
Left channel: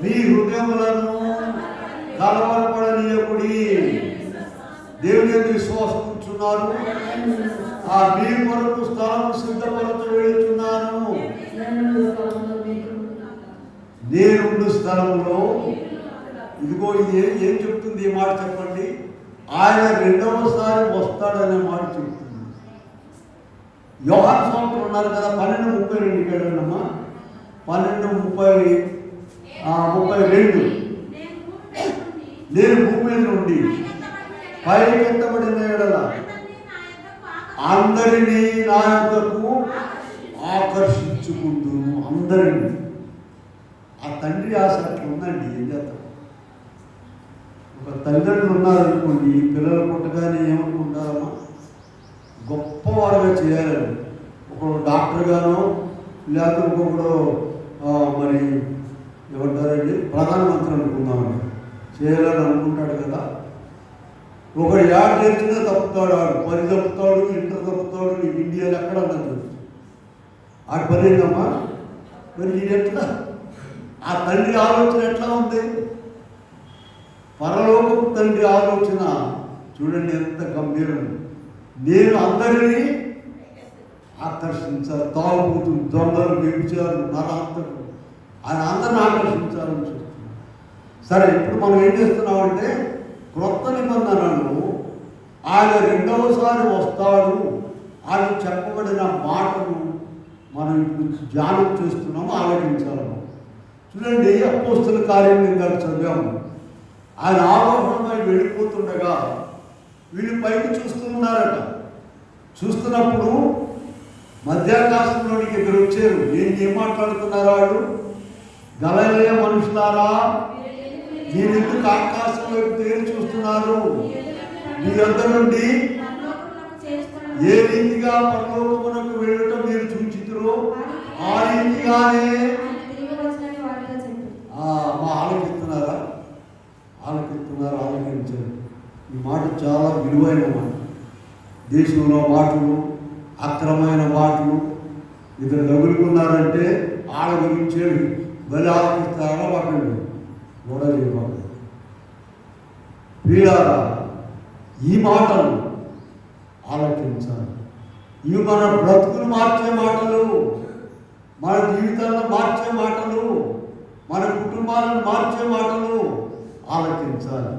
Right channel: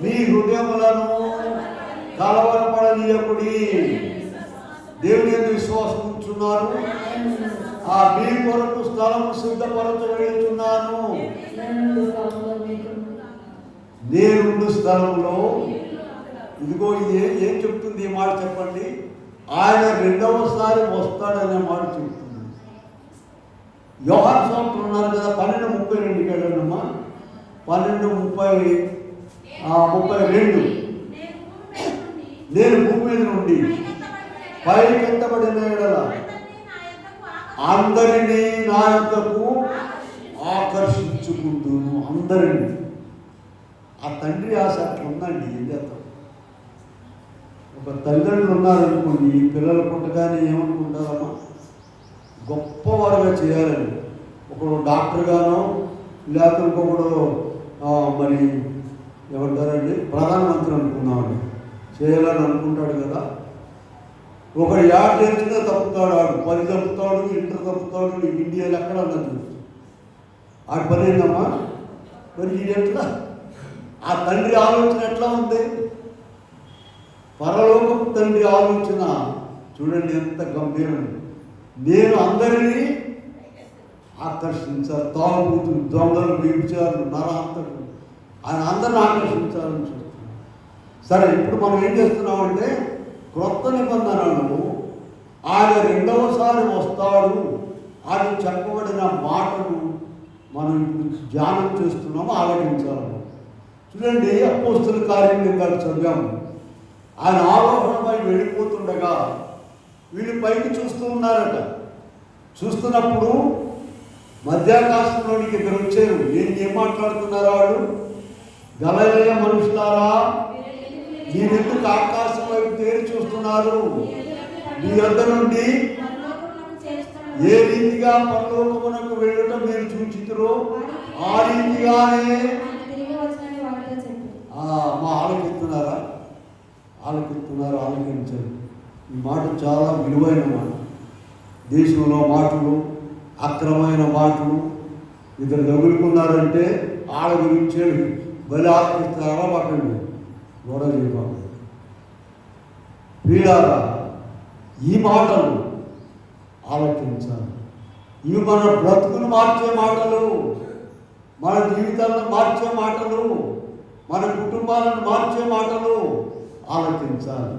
మీ హృదయములను కలవరపడనీయకుడి, దేవుని యందు విశ్వాసం ఉంచున్నారు, ఆ మీ కొరకు స్థలం సిద్ధపరచబడుతున్నాను, నేనుండు స్థలంలో. ఇదిగో ఇది ఏం చెప్తుంది ఈ మాట చెప్పండి? ఆయన రెండవసారి వస్తాడనే మాట చెప్తుంది. యోహాను స్వామి ఉన్నారు కదా, 12:32 వెళ్ళమ్మా, 12:32. నేను భూమి మీద నుండి పైకెత్తబడిన ఎడల అందరినీ నా యొద్దకు ఆకర్షించుకుంటున్నాను. అందరినీ. ఆ తండ్రి ఆశ అట్లా ఉందండి. ఏం చేస్తాం? ఒక తల్లిదండ్రులు ఉన్నారనుకోండి, పిల్లలు పుట్టగానే ఏమనుకుంటారమ్మా, గొప్పవారుగా చేయాలని. ఒకడు డాక్టర్ గానో లేకపోతే ఇంకొకడు మరి ఏమంటారండి, ప్రధానమంత్రి అనుకున్నామని చేయాలని అనుకుంటాడు కదా. ఒక ఏటేర్చినా తప్పుతాడు, ఆడు 10 తప్పుతాడు, ఇంటర్ తప్పుతాడు, నీకు ఇండియాలో ఎక్కడ ఉన్నది ఆడు పని ఏంటమ్మా. మరి ఇది ఎట్లా? ఆ తండ్రి ఆలోచన ఎట్లా ఉంది? పరలోకపు తండ్రి ఆలోచన చూడండి ఎంత గంభీరం. నేను అందరినీ ఆకర్షించాలి. తాగుబోతులు, దొంగలు, వ్యభిచారులు, నరాంతకులు, ఆయన అందరిని ఆకర్షించాలని చూస్తున్నాం. సరే, ఇప్పుడు మనం ఏం చేస్తున్నామంటే, క్రొత్త నిబంధనలు ఆయన రెండవసారి వస్తాడు అని చెప్పబడిన మాటలు మనం ఇప్పుడు ధ్యానం చేస్తున్నాము, ఆలోచించాలి. చూడండి, అపోస్తల కార్యం గారు చదివాము. ఆయన ఆరోహణమై వెళ్ళిపోతుండగా వీళ్ళు పైకి చూస్తూ ఉన్నారట. చూస్తున్నప్పుడు మధ్యాకాశంలోనికి ఇద్దరు వచ్చారు. ఏం మాట్లాడుతున్నారు వాళ్ళు? గలిలయ మనుషులారా, మీరెందుకు ఆకాశం వైపు తేరి చూస్తున్నారు? మీ వద్ద నుండి ఏ రీతిగా పరలోకమునకు వెళ్ళటం మీరు చూచితురో ఆ రీతిగానే ఆలకిస్తున్నారా? ఆలకించారు. ఈ మాట చాలా విలువైన మాట. దేశంలో మాటలు, అక్రమైన మాటలు ఇద్దరు తగులుకున్నారంటే ఆడ గురించే బలి ఆలోచిస్తారా పట్టండి గొడవ. వీళ్ళారా ఈ మాటలు ఆలోచించాలి. ఇవి మన బ్రతుకులు మార్చే మాటలు, మన జీవితాలను మార్చే మాటలు, మన కుటుంబాలను మార్చే మాటలు ఆలోచించాలి.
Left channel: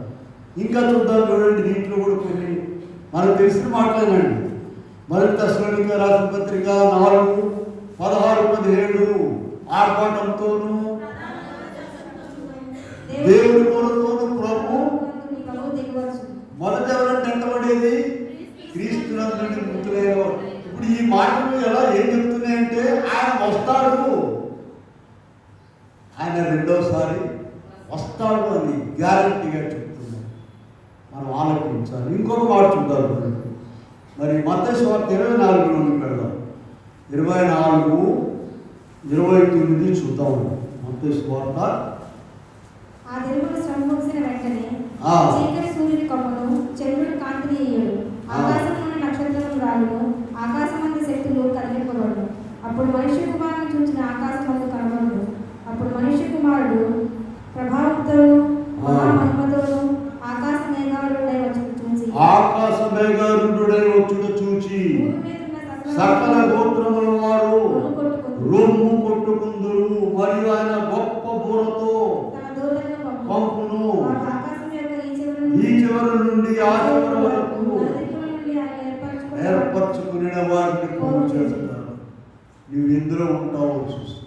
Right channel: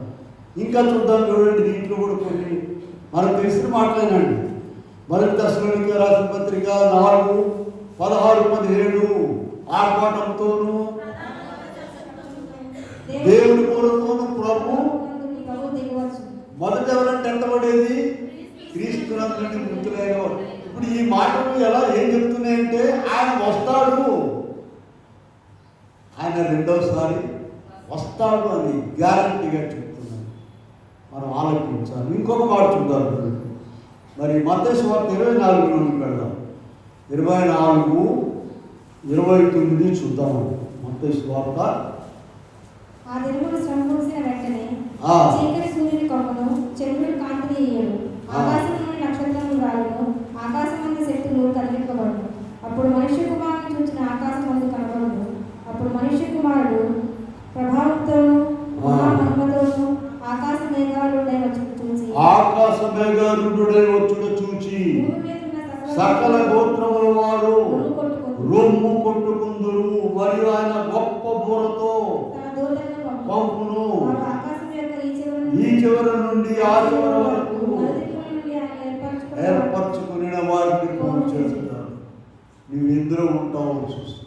ఇంకా చూద్దాం చూడండి, దీంట్లో కూడా కొన్ని మనకు తెలిసిన మాటలేనండి. మొదటి దశలోనికే రాసిన పత్రిక 4:16-17 ఆర్భాటంతోనూ దేవుడి మూలంతోనూ ప్రభు మొదట ఎవరంటే ఎంతబడేది క్రీస్తునందుని మృతులేరో. ఇప్పుడు ఈ మాటలు ఎలా ఏం చెప్తున్నాయంటే ఆయన వస్తాడు, ఆయన రెండోసారి వస్తాడు అని గ్యారంటీగా చెప్తున్నాడు. మనం ఆలోచించాలి. ఇంకొక మాట చూద్దాం. మరి మత్తయి సువార్త 24 వెళ్దాం. 24:29 చూద్దాము. మత్తయి సువార్త. ఆ దినమున శ్రమ ముగిసిన వెంటనే చీకటి సూర్యుని కమ్మును, చంద్రుడు కాంతిని ఇయ్యడు, ఆకాశంలోని నక్షత్రములు రాలును, ఆకాశమందు శక్తులు కలిగింపబడును. అప్పుడు మనుష్య కుమారుని చూసిన ఆకాశమందు కనబడును. అప్పుడు మనుష్య కుమారుడు ప్రభావంతో మహామహిమతో ఆకాశ మేఘాలుడై వచ్చుట చూచి సకల గోత్రముల వారు రొమ్ము కొట్టుకుందురు. మరియు ఆయన గొప్ప బూరతో పంపును. ఈ చివరి నుండి ఆ చివరి వరకు ఏర్పరచుకుని వారిని పూర్తి చేస్తున్నారు. నువ్వు ఇందులో ఉంటావు చూస్తూ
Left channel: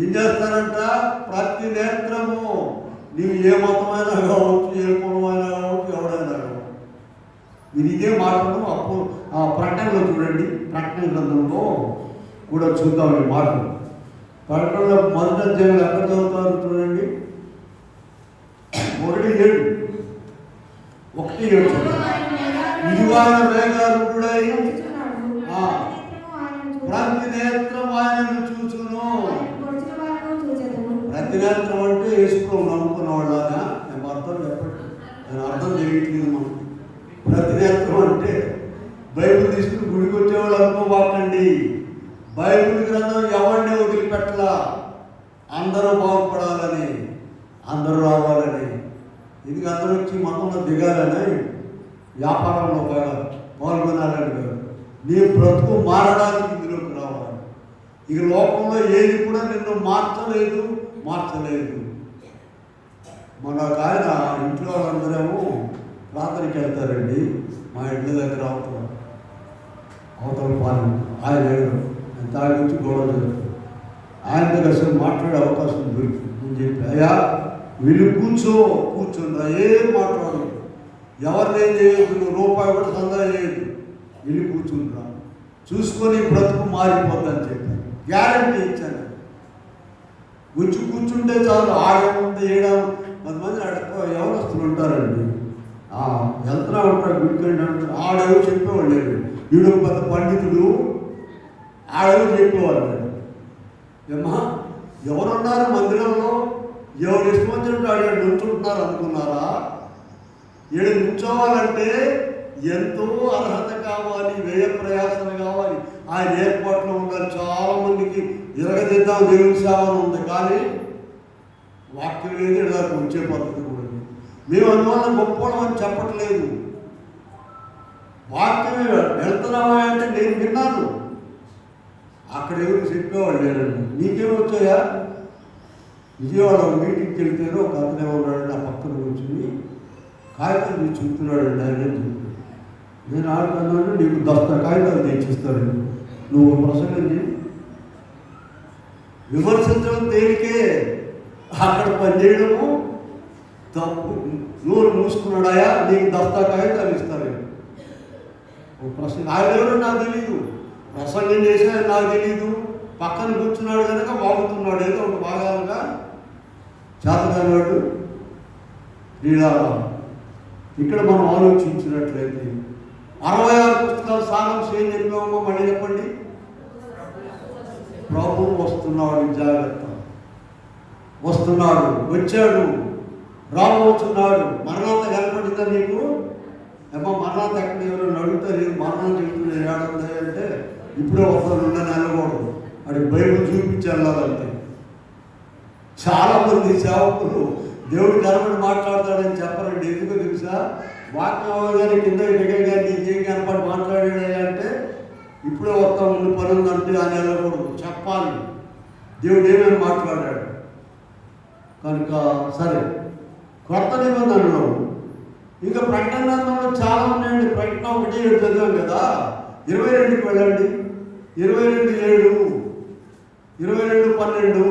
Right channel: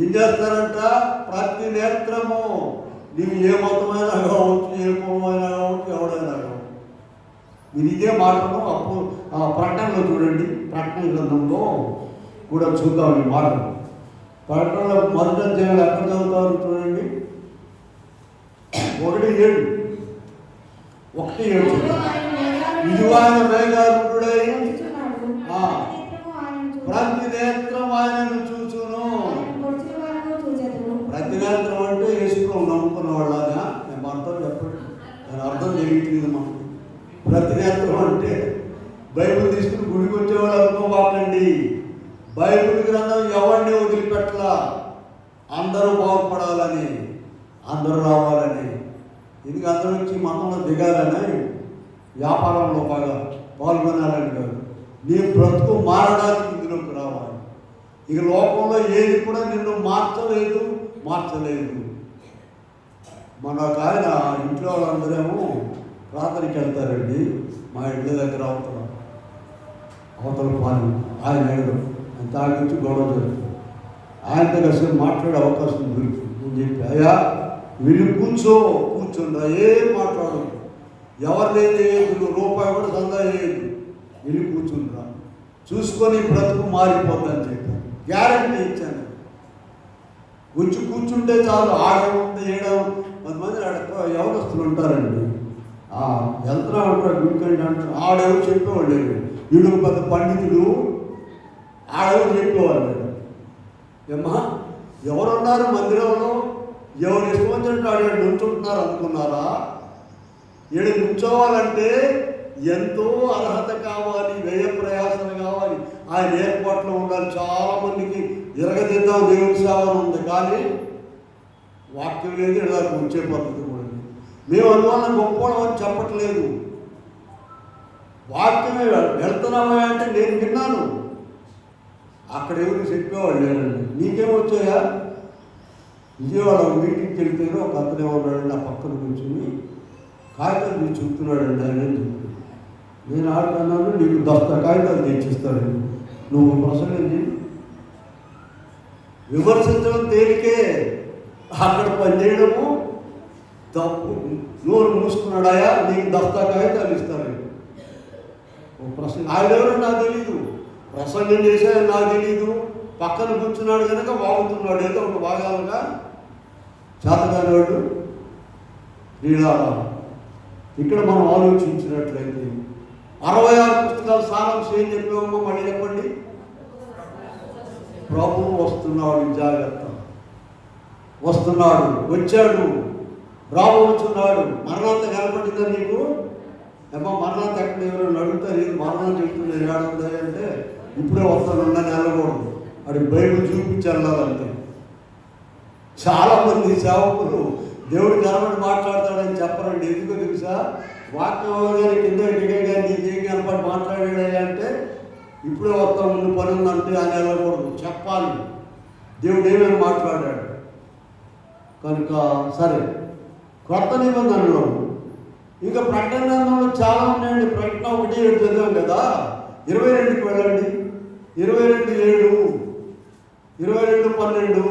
ఏం చేస్తారంట? ప్రతి నేత్రము, నీవు ఏ మతమైనా కావచ్చు, ఏ కులమైనా కావచ్చు, ఎవడైనా కావచ్చు. మీరు ఇదే మాటను అప్పుడు ప్రకటనలో చూడండి, ప్రకటన గ్రంథంలో కూడా చూద్దాం ఈ మాటలు. ప్రకటనలో మొదటి అధ్యాయంలో ఎక్కడ చదువుతారు చూడండి, 1:7 ఇదిగో ఆయన మేఘారూఢుడై ప్రతి నేత్రం ఆయనను చూచును. ప్రతి నేత్రం అంటే వేసుకోం నమ్ముకున్న వాళ్ళగా నేను అర్థం చెప్పండి, నేను అర్థం తెలియట్లేదు మనకు. ప్రతి నేత్రం అంటే బైబిల్ తీసుకుని గుడికి వచ్చేవాళ్ళు అనుకోవాలండి. బైబిల్ గ్రంథం ఎవరిని వదిలిపెట్టలా. అందరూ బాగుపడాలని, అందరూ రావాలని, ఇది అందరూ వచ్చి మతంలో దిగాలని, వ్యాపారంలో బాగా పాల్గొనాలని కాదు. నీ బ్రతుకు మారడానికి ఇందులోకి రావాలి. ఇక లోకంలో ఏది కూడా నిన్ను మార్చలేదు. మన ఆయన ఇంట్లో వాళ్ళందరేమో ప్రార్థనకి వెళ్తారండి. మా ఇంటి దగ్గర అవతల పాలు ఆయన దాని నుంచి గొడవ చేస్తారు. ఆయనతో అసలు మాట్లాడే అవకాశం దొరుకుతుంది అని చెప్పి, అయ్యా వీళ్ళు కూర్చోండి, ఏం మాట్లాడదు, ఎవరినేం చేయదు, నువ్వు రూపాయి కూడా దందా చేయదు, వీళ్ళు కూర్చుంటా చూసుకొని బ్రతుకు మారిపోద్దని చెప్పి గ్యారంటీ ఇచ్చాను. వచ్చి కూర్చుంటే చాలు, ఆడముంది ఏడం 10 మంది ఎవరొస్తులు ఉంటారండి. వెళ్తున్నా ఉంటాడు గుడికండి అంటారు. ఆడేవో చెప్పేవాళ్ళు లేడు, వీడు పెద్ద పండితుడు, ఆడేవో చెప్పేవాళ్ళు. ఏమా ఎవరున్నారు మందిరంలో? ఎవరు ఇష్టం వచ్చినట్టు ఆడ నుంచుంటున్నారు అనుకున్నారా? ఈడ నుంచోవాలంటే ఎంతో అర్హత కావాలి, వ్యయ ప్రయాసన కావాలి, ఆయన ఏర్పాట్లో ఉండాలి. చాలా మందికి ఎరగదిద్దాం దేవుని సేవను ఉంది, కానీ వాక్యం లేదు, ఇలాగ వచ్చే పద్ధతి కూడా. మేము అందువల్ల గొప్పవాళ్ళం అని చెప్పట్లేదు. వాక్యమే వెళ్తున్నామా అంటే నేను విన్నాను, అక్కడ ఎవరు చెప్పేవాళ్ళు లేరండి. నీకేమొచ్చాయా? విజయవాడ మీటింగ్కి వెళ్తేనే ఒక అతను ఎవరు నా పక్కన కూర్చుని కాగితం మీరు చెప్తున్నాడండి ఆయన అని చెప్పి, నేను ఆడుకున్నాను, నీకు 10 కాగితాలు తెచ్చిస్తాడు, నువ్వు ప్రసంగం చేయి. విమర్శించడం తేలికే, అక్కడ పనిచేయడము తప్పు. నోరు మూసుకున్నాడాయా, నీకు 10 కాగితాలు ఇస్తారు. ప్రసంగం ఆయన ఎవరో నాకు తెలీదు, ప్రసంగం చేశాడు నాకు తెలీదు, పక్కన కూర్చున్నాడు కనుక బాగుతున్నాడు, ఏదో ఒక భాగాలుగా చేతగానేవాడు. లీలారావు ఇక్కడ మనం ఆలోచించినట్లయితే 66 పుస్తకాల సారాంశం ఏం చెప్పామో మళ్ళీ చెప్పండి. ప్రభువు వస్తున్నాడు, జాగ్రత్త, వస్తున్నాడు, వచ్చాడు. రాబోతున్నాడు. మరణాంత కనపడిందా నీకు? ఏమో మరణాంత ఎక్కడ ఎవరైనా అడుగుతారు, ఏం మరణాంత చెప్తున్నారు ఏడుంది అంటే ఇప్పుడే వస్తాను ఉండని వెళ్ళకూడదు. అడిగి బైబిల్ చూపించి వెళ్ళాలంటే చాలామంది సేవకులు దేవుడు కనబడి మాట్లాడతాడని చెప్పరండి. ఎందుకో తెలుసా? వాక్యం అవగానే కింద దిగగా నీకేం కనపడి మాట్లాడాడు అంటే ఇప్పుడే వస్తాం ముందు పని ఉందంటే అని వెళ్ళకూడదు, చెప్పాలి దేవుడు ఏమేమి మాట్లాడాడు. కనుక సరే, కొత్త నిబంధనలు ఇంకా ప్రకటనలో చాలా ఉన్నాయండి. ప్రకటన 1:7 చదివాం కదా. 22కి వెళ్ళండి. 22:7, 22:12.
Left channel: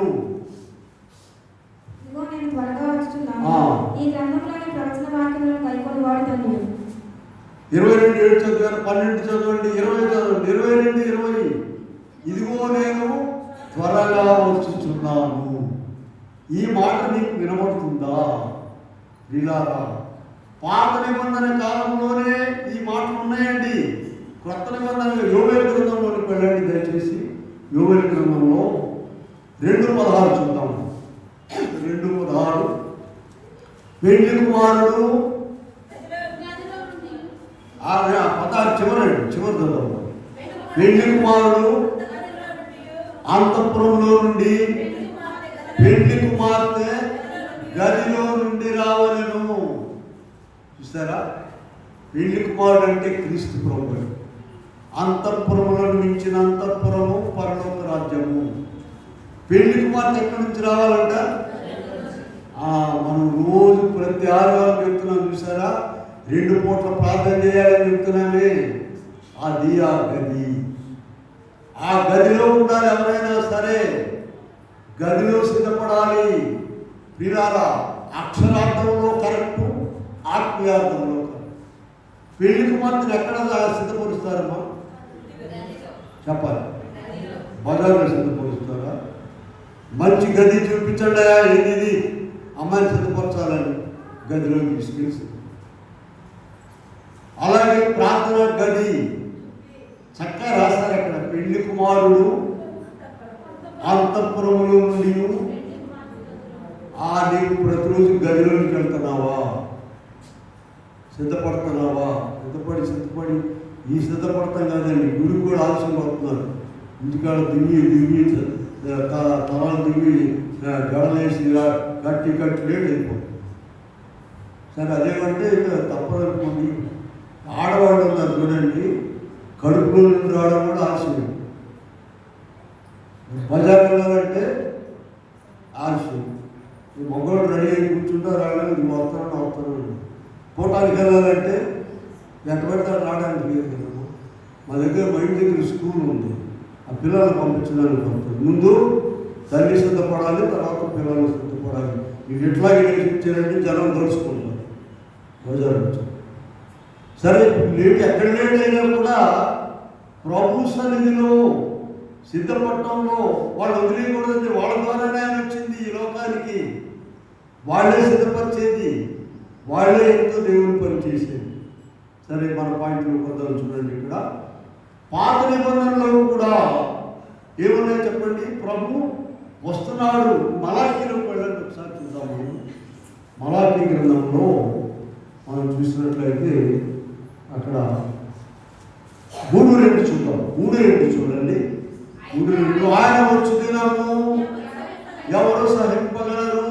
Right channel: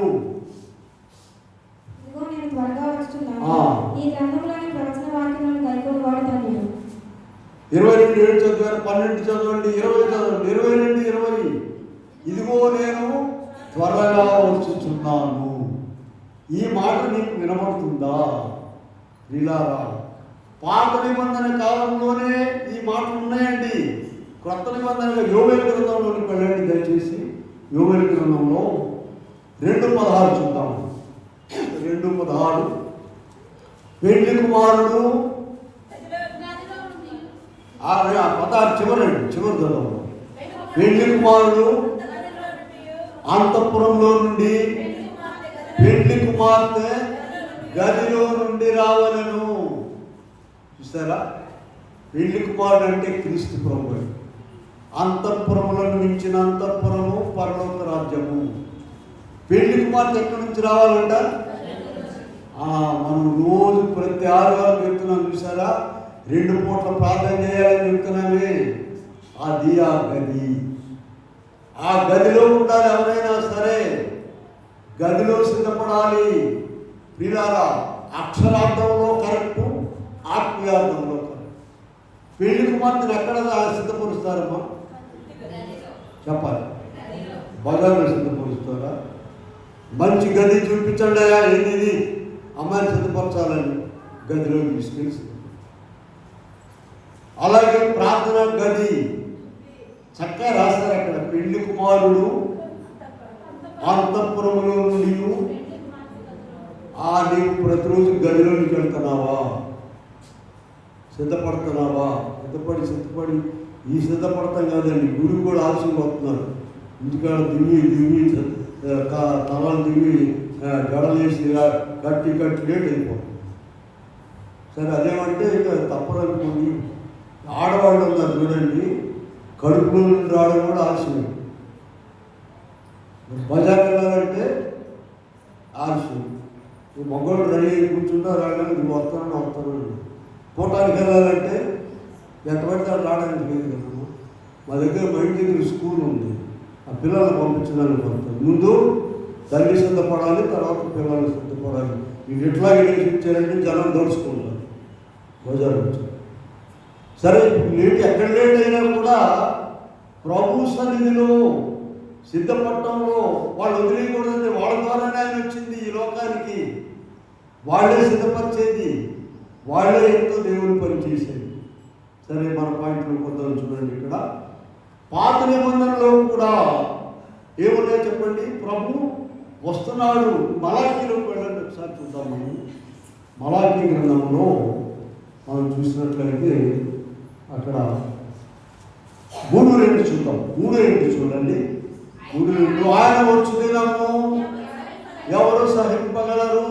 ఈ గ్రంథంలోని ప్రవచన వాక్యములను కైకొని వాడుతాను. 22:7 చదివారు, 12 చదవండి, 20 చదవండి. 22:20 ఇదిగో నేను త్వరగా వచ్చుచున్నాను. ఈ మాట నీకు వినబడుతుందా? లీలారా, పాత నిబంధన కాలంలోనే ఈ మాటలు ఉన్నాయండి. కొత్త నిబంధనగా యోవేలు గ్రంథంలోకి వెళ్ళండి దయచేసి. యోవేలు గ్రంథంలో 2:16 చూద్దాం. 2:16 పెళ్లి కుమారుడు 16 చివరి చదవండి. పెళ్లి కుమారుడు అంతఃపురంలో నుండి పెళ్లి కుమార్తె గదిలో నుండి రావలను. చూస్తారా? పెళ్లి కుమారుడు అంటే క్రీస్తు ప్రభువు. అంతఃపురంలో మించిన అంతఃపురము పరలోక రాజ్యము. పెళ్లి కుమార్తె ఎక్కడి నుంచి రావాలంట? మనం రోజు ప్రతి ఆదివారం చెప్తున్నాం చూసారా? 2 పూట్ల ప్రార్థన చేయాలని చెప్తున్నామే. అది ఆ గది. ఆ గదిలో ఉండాలి. ఎవరైనా సరే గదిలో సిద్ధపడాలి. ప్రియులారా, అక్షరార్థంలో కరెక్టు, ఆత్మీయార్థంలో కరెక్ట్. పెళ్లి కుమార్తెను ఎక్కడ సిద్ధపరుస్తారమ్మా? చెప్పాలి. బజార్లో సిద్ధపరుస్తారా? మంచి గది చూపించండి. ఏంటిది? అమ్మాయిని సిద్ధపరచాలని గదిలో తీసుకెళ్ళి. అలాగే ప్రార్థన గది చక్కగా రాస్తారు అక్కడ. పెళ్లి కుమారుడు అంతఃపురములో నుండి. నీవు ప్రతిరోజు గదిలోకి వెళ్తున్నావా? సిద్ధపడుతున్నావా? సిద్ధపడి ఈ సిద్ధపడతాం కాదండి, గురువు కూడా ఆలస్యం పడుతున్నారు. ఇంటికాడ దిగి తలాలు దిగి గడలేసి కట్టి లేట్ అయిపోతుంది. సరే, అదేమంటే ఇక తప్పదనుకోండి. ఆడవాళ్ళు ఉన్నారు చూడండి, కడుపులో నుండి రావడం కూడా ఆలస్యం. బజార్ వెళ్ళాలంటే ఆలస్యం. ఈ మొగ్గలు రెడీ అయి కూర్చుంటారు. రావడానికి వస్తాను. కోటానికి వెళ్ళాలంటే ఎంత పెడతాడు రావడానికి లేదు కదా. మా దగ్గర బయట దగ్గర స్కూల్ ఉంది. ఆ పిల్లల్ని పంపించడానికి పడుతుంది. ముందు తల్లి సిద్ధపడాలి, తర్వాత పిల్లలు సిద్ధపడాలి. మీకు ఎట్లా ఇచ్చారంటే జనం దోచుకుంటారు బజార్ నుంచి. సరే, లేట్ ఎక్కడ లేట్ అయినా కూడా ప్రభు సన్నిధిలో సిద్ధపడటంలో వాళ్ళు వదిలేయకూడదండి. వాళ్ళ ద్వారానే ఆయన వచ్చింది ఈ లోకానికి. వాళ్ళే సిద్ధపరిచేది, వాళ్ళే ఎంతో దేవుని పని చేసేది. సరే, మన పాయింట్లు కొద్దాం చూడండి. ఇక్కడ పాత నిబంధనలో కూడా ఏమున్నాయో చెప్పండి. ప్రభు వస్తున్నాడు. మలాకీలోకి వెళ్ళండి, ఒకసారి చూద్దాము. మలాకీ గ్రంథంలో మనం చూసినట్లయితే అక్కడ 3:2 చూద్దాం. 3:2 చూడండి. 3:2 ఆయన వచ్చు దినము ఎవరు సహింపగలరు?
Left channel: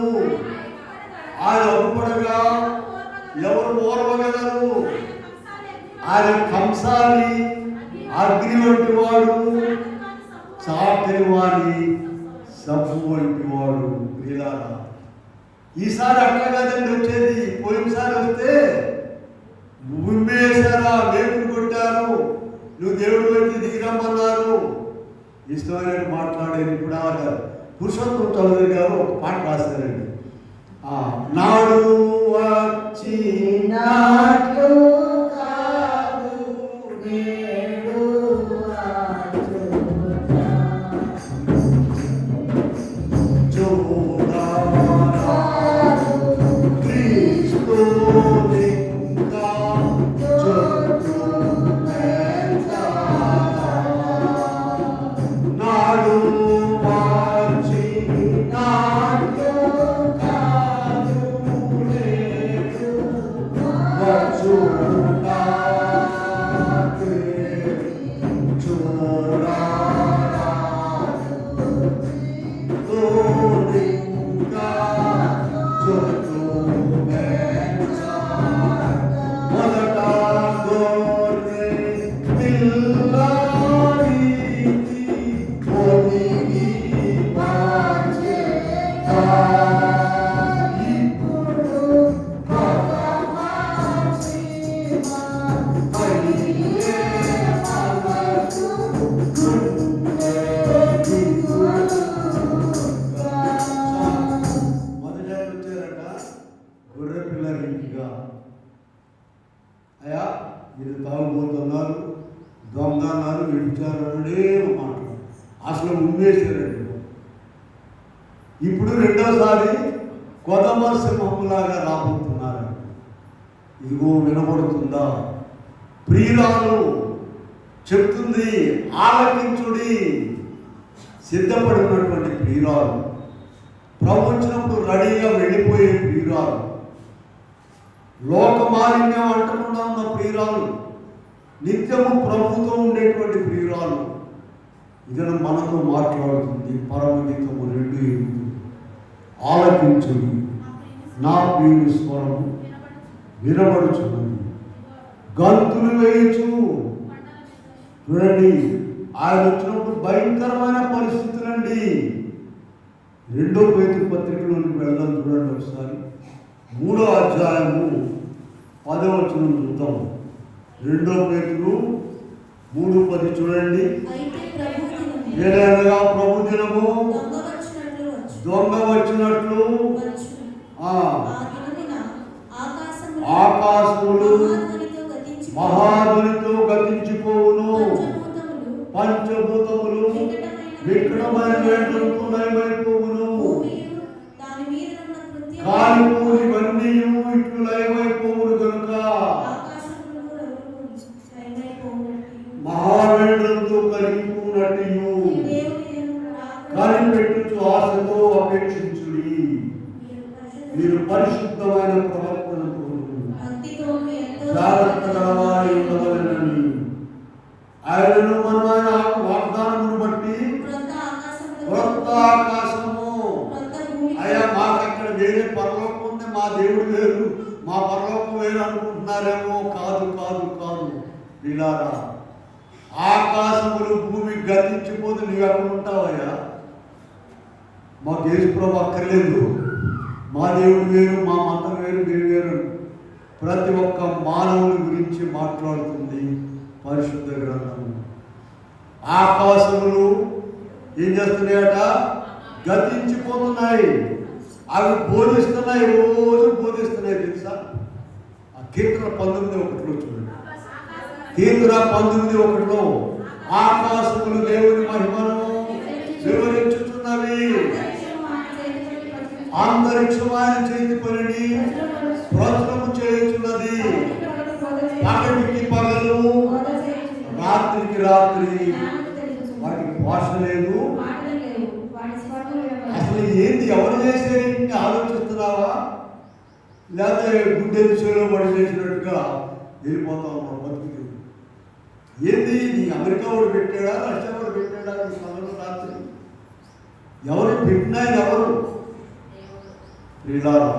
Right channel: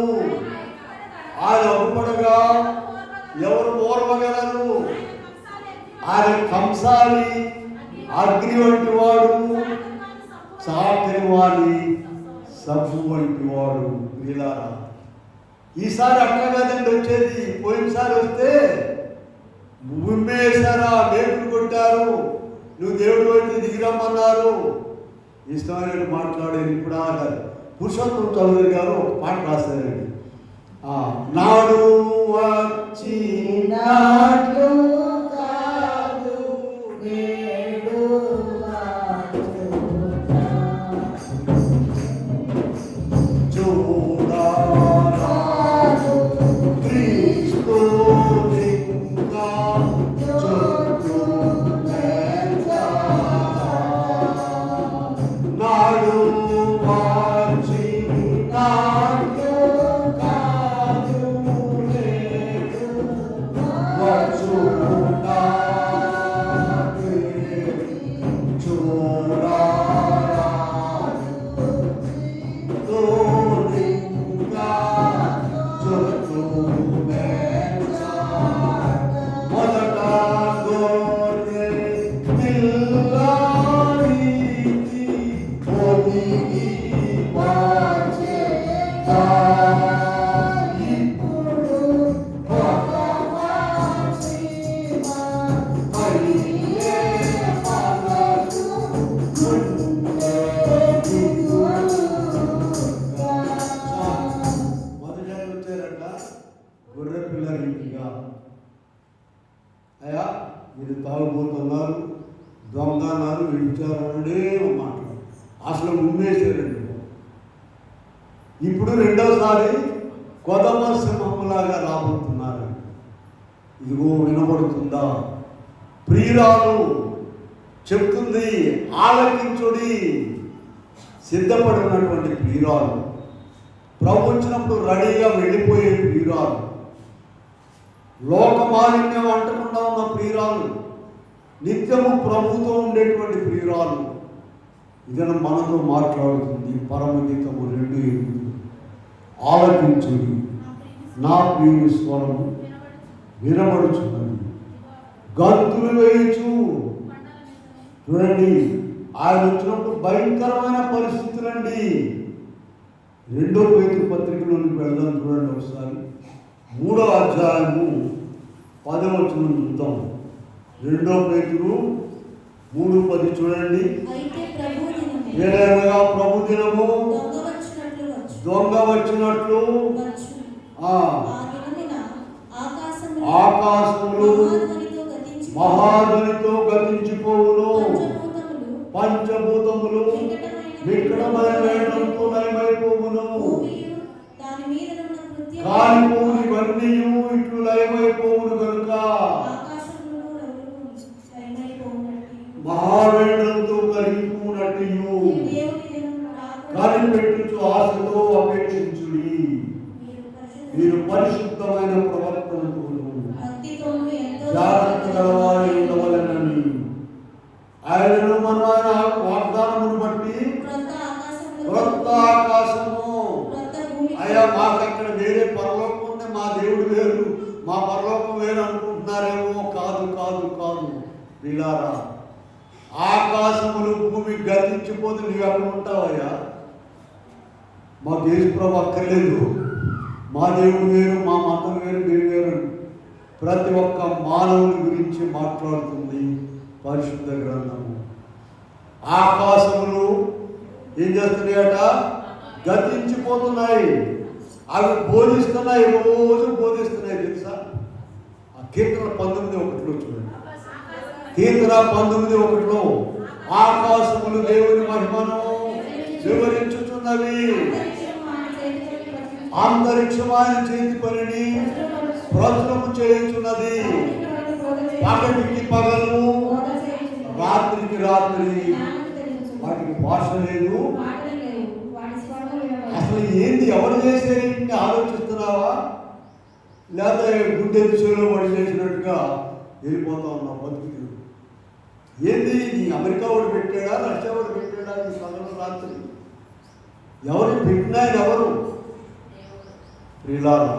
ఆయన ఒప్పుడగా ఎవరు ఓర్వగలరు? ఆయన కంసాలి అగ్ని వంటి వాడు, చాకరి వాణి సబ్బు వంటి వాడు. వీళ్ళారా, ఈసారి అట్లా కదండి వచ్చేది. పోయినసారి వస్తే ఉమ్మేశారా, మేకులు కొట్టారు, నువ్వు దేవుడు అయితే దిగిరమ్మన్నారు, ఇష్టమైన మాట్లాడేది. ఇప్పుడు ఆగారు. పురుషోత్తమ చౌదరి గారు ఒక పాట రాశారండి. నాడు వచ్చి నాడు అయ్యా మీరు తాగుబోతున్నారు, దొంగ అన్నారు, విడిచారనే మాట అసలు ఉమ్మేశారండి. ఇప్పుడు రెండోసారి కొదమ సింహంలాగా రాబోతున్నారు. ఇదిగో వినబడుతుందా? ప్రియురాలు చెప్తుంది, ఆలకించుడి. సిద్ధపడినటువంటి ప్రియురాలు, ప్రభు వచ్చినప్పుడు రెడీగా వెళ్ళిపోయే ప్రియురాలు, లోకమాలిన్యం అంటకుండా ఉన్న ప్రియురాలు, నిత్యము ప్రభుతో ఉండేటువంటి ప్రియురాలు ఇదను మనతో మాట్లాడుతుంది. పరమగీతము 2:8 ఆలకించుడి, నా ప్రియుని స్వరము వినబడుచున్నది, గంతులు వేయచ్చు. చూడండి, ఆయన వచ్చినప్పుడు భయంకరమైన పరిస్థితులండి. 2వ పేతురు పత్రికలోకి వెళ్దాం. చూడండి ఒకసారి 3వ అధ్యాయము 10వ వచనం చూద్దాం. 2వ పేతురు 3:10 చూడండి. ఏదైనా ప్రభు దినము దొంగ వచ్చినట్లు ఆకాశములు మహాధ్వనితో గతించిపోవును, పంచభూతములు వికటమైన వేదంతో లయమైపోవును, కాలిపోవు ఇవన్నీ ఇట్లు లయమైపోవును కనుక మహావేదంతో కలిగిపోనట్టు కనిపెట్టుచు ఆశతో అపేక్షించుడి. మీరు పరిశుద్ధమైన ప్రవర్తనతో జాగ్రత్తగా ఉండవలెనని ఆయనను మన వాగ్దానమును బట్టి క్రొత్త ఆకాశము. అయ్యా, మాకు అక్కడ వేరే పరలోకం ఉంది, మా దేవుడు వేరు, మా పరలోకం వేరు అనుకుంటున్నారేమో. కాదు కాదు కాదు పిల్లారా, ఆకాశములు భూమి గతించిపోతే నువ్వు ఎక్కడ ఉంటావయ్యా? మాకు యేసుప్రభు అక్కర్లేదు, మా దేవుడు వేరు, మా మతం వేరు, మేము వేరు. ప్రతి ఒక్క మానవుని గురించి మాట్లాడుతుంది పరిశుద్ధ గ్రంథం. ఆకాశములు ఏం చేస్తున్నాయట? గతించిపోతున్నాయి. అవి బోధిస్తున్నాయి, రోజు బోధిస్తున్నాయి. తెలుసా? ఆ కీర్తన 19:1 చూడండి. కీర్తన 19:1 ఆకాశములు దేవుని మహిమను వివరించుతున్నవి, అంతరిక్షం ఆయన చేతి పనిని ప్రచురము చేయుచున్నది. పగటికి పగలు, రాత్రికి రాత్రి, వాటికి భాష లేదు. అసలు ఏంది, ఎవరు చేసేది ఆలోచిస్తున్నావా? లేదా గుడ్డే విషయంలో పడి చేసినట్టుగా వెళ్ళిపోతా ఉన్నాం బతుకు. ఏంది, నీ అమెరికా వాడు పెట్టాడా, రష్యా వాడు పెట్టాడా? నీ పగలు రాత్రి ఎవరు పెట్టినా ఎవరు? ప్రియులారా,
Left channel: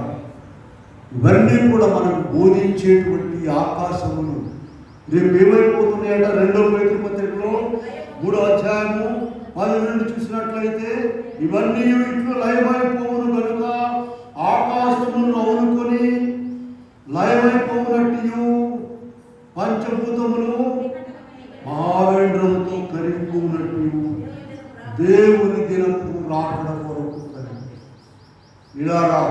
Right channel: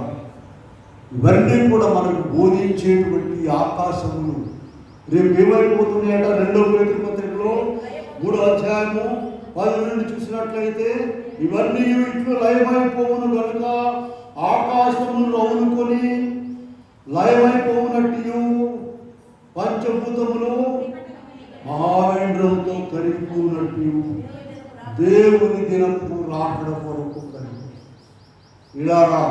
ఇవన్నీ కూడా మనకు బోధించేటువంటి ఆకాశములు రేపు ఏమైపోతున్నాయట? 2వ పేతురు పత్రికలో 3వ అధ్యాయము 10 నుండి చూసినట్లయితే, ఇవన్నీ ఇట్లు లయమైపోవును కనుక ఆకాశమును అవునుకొని లయమైపోవునట్టు పంచభూతములు ఆవేంద్రంతో కరిగిపోయినట్టు దేవుని దినపు రాకడ కొరకు ఇలారా.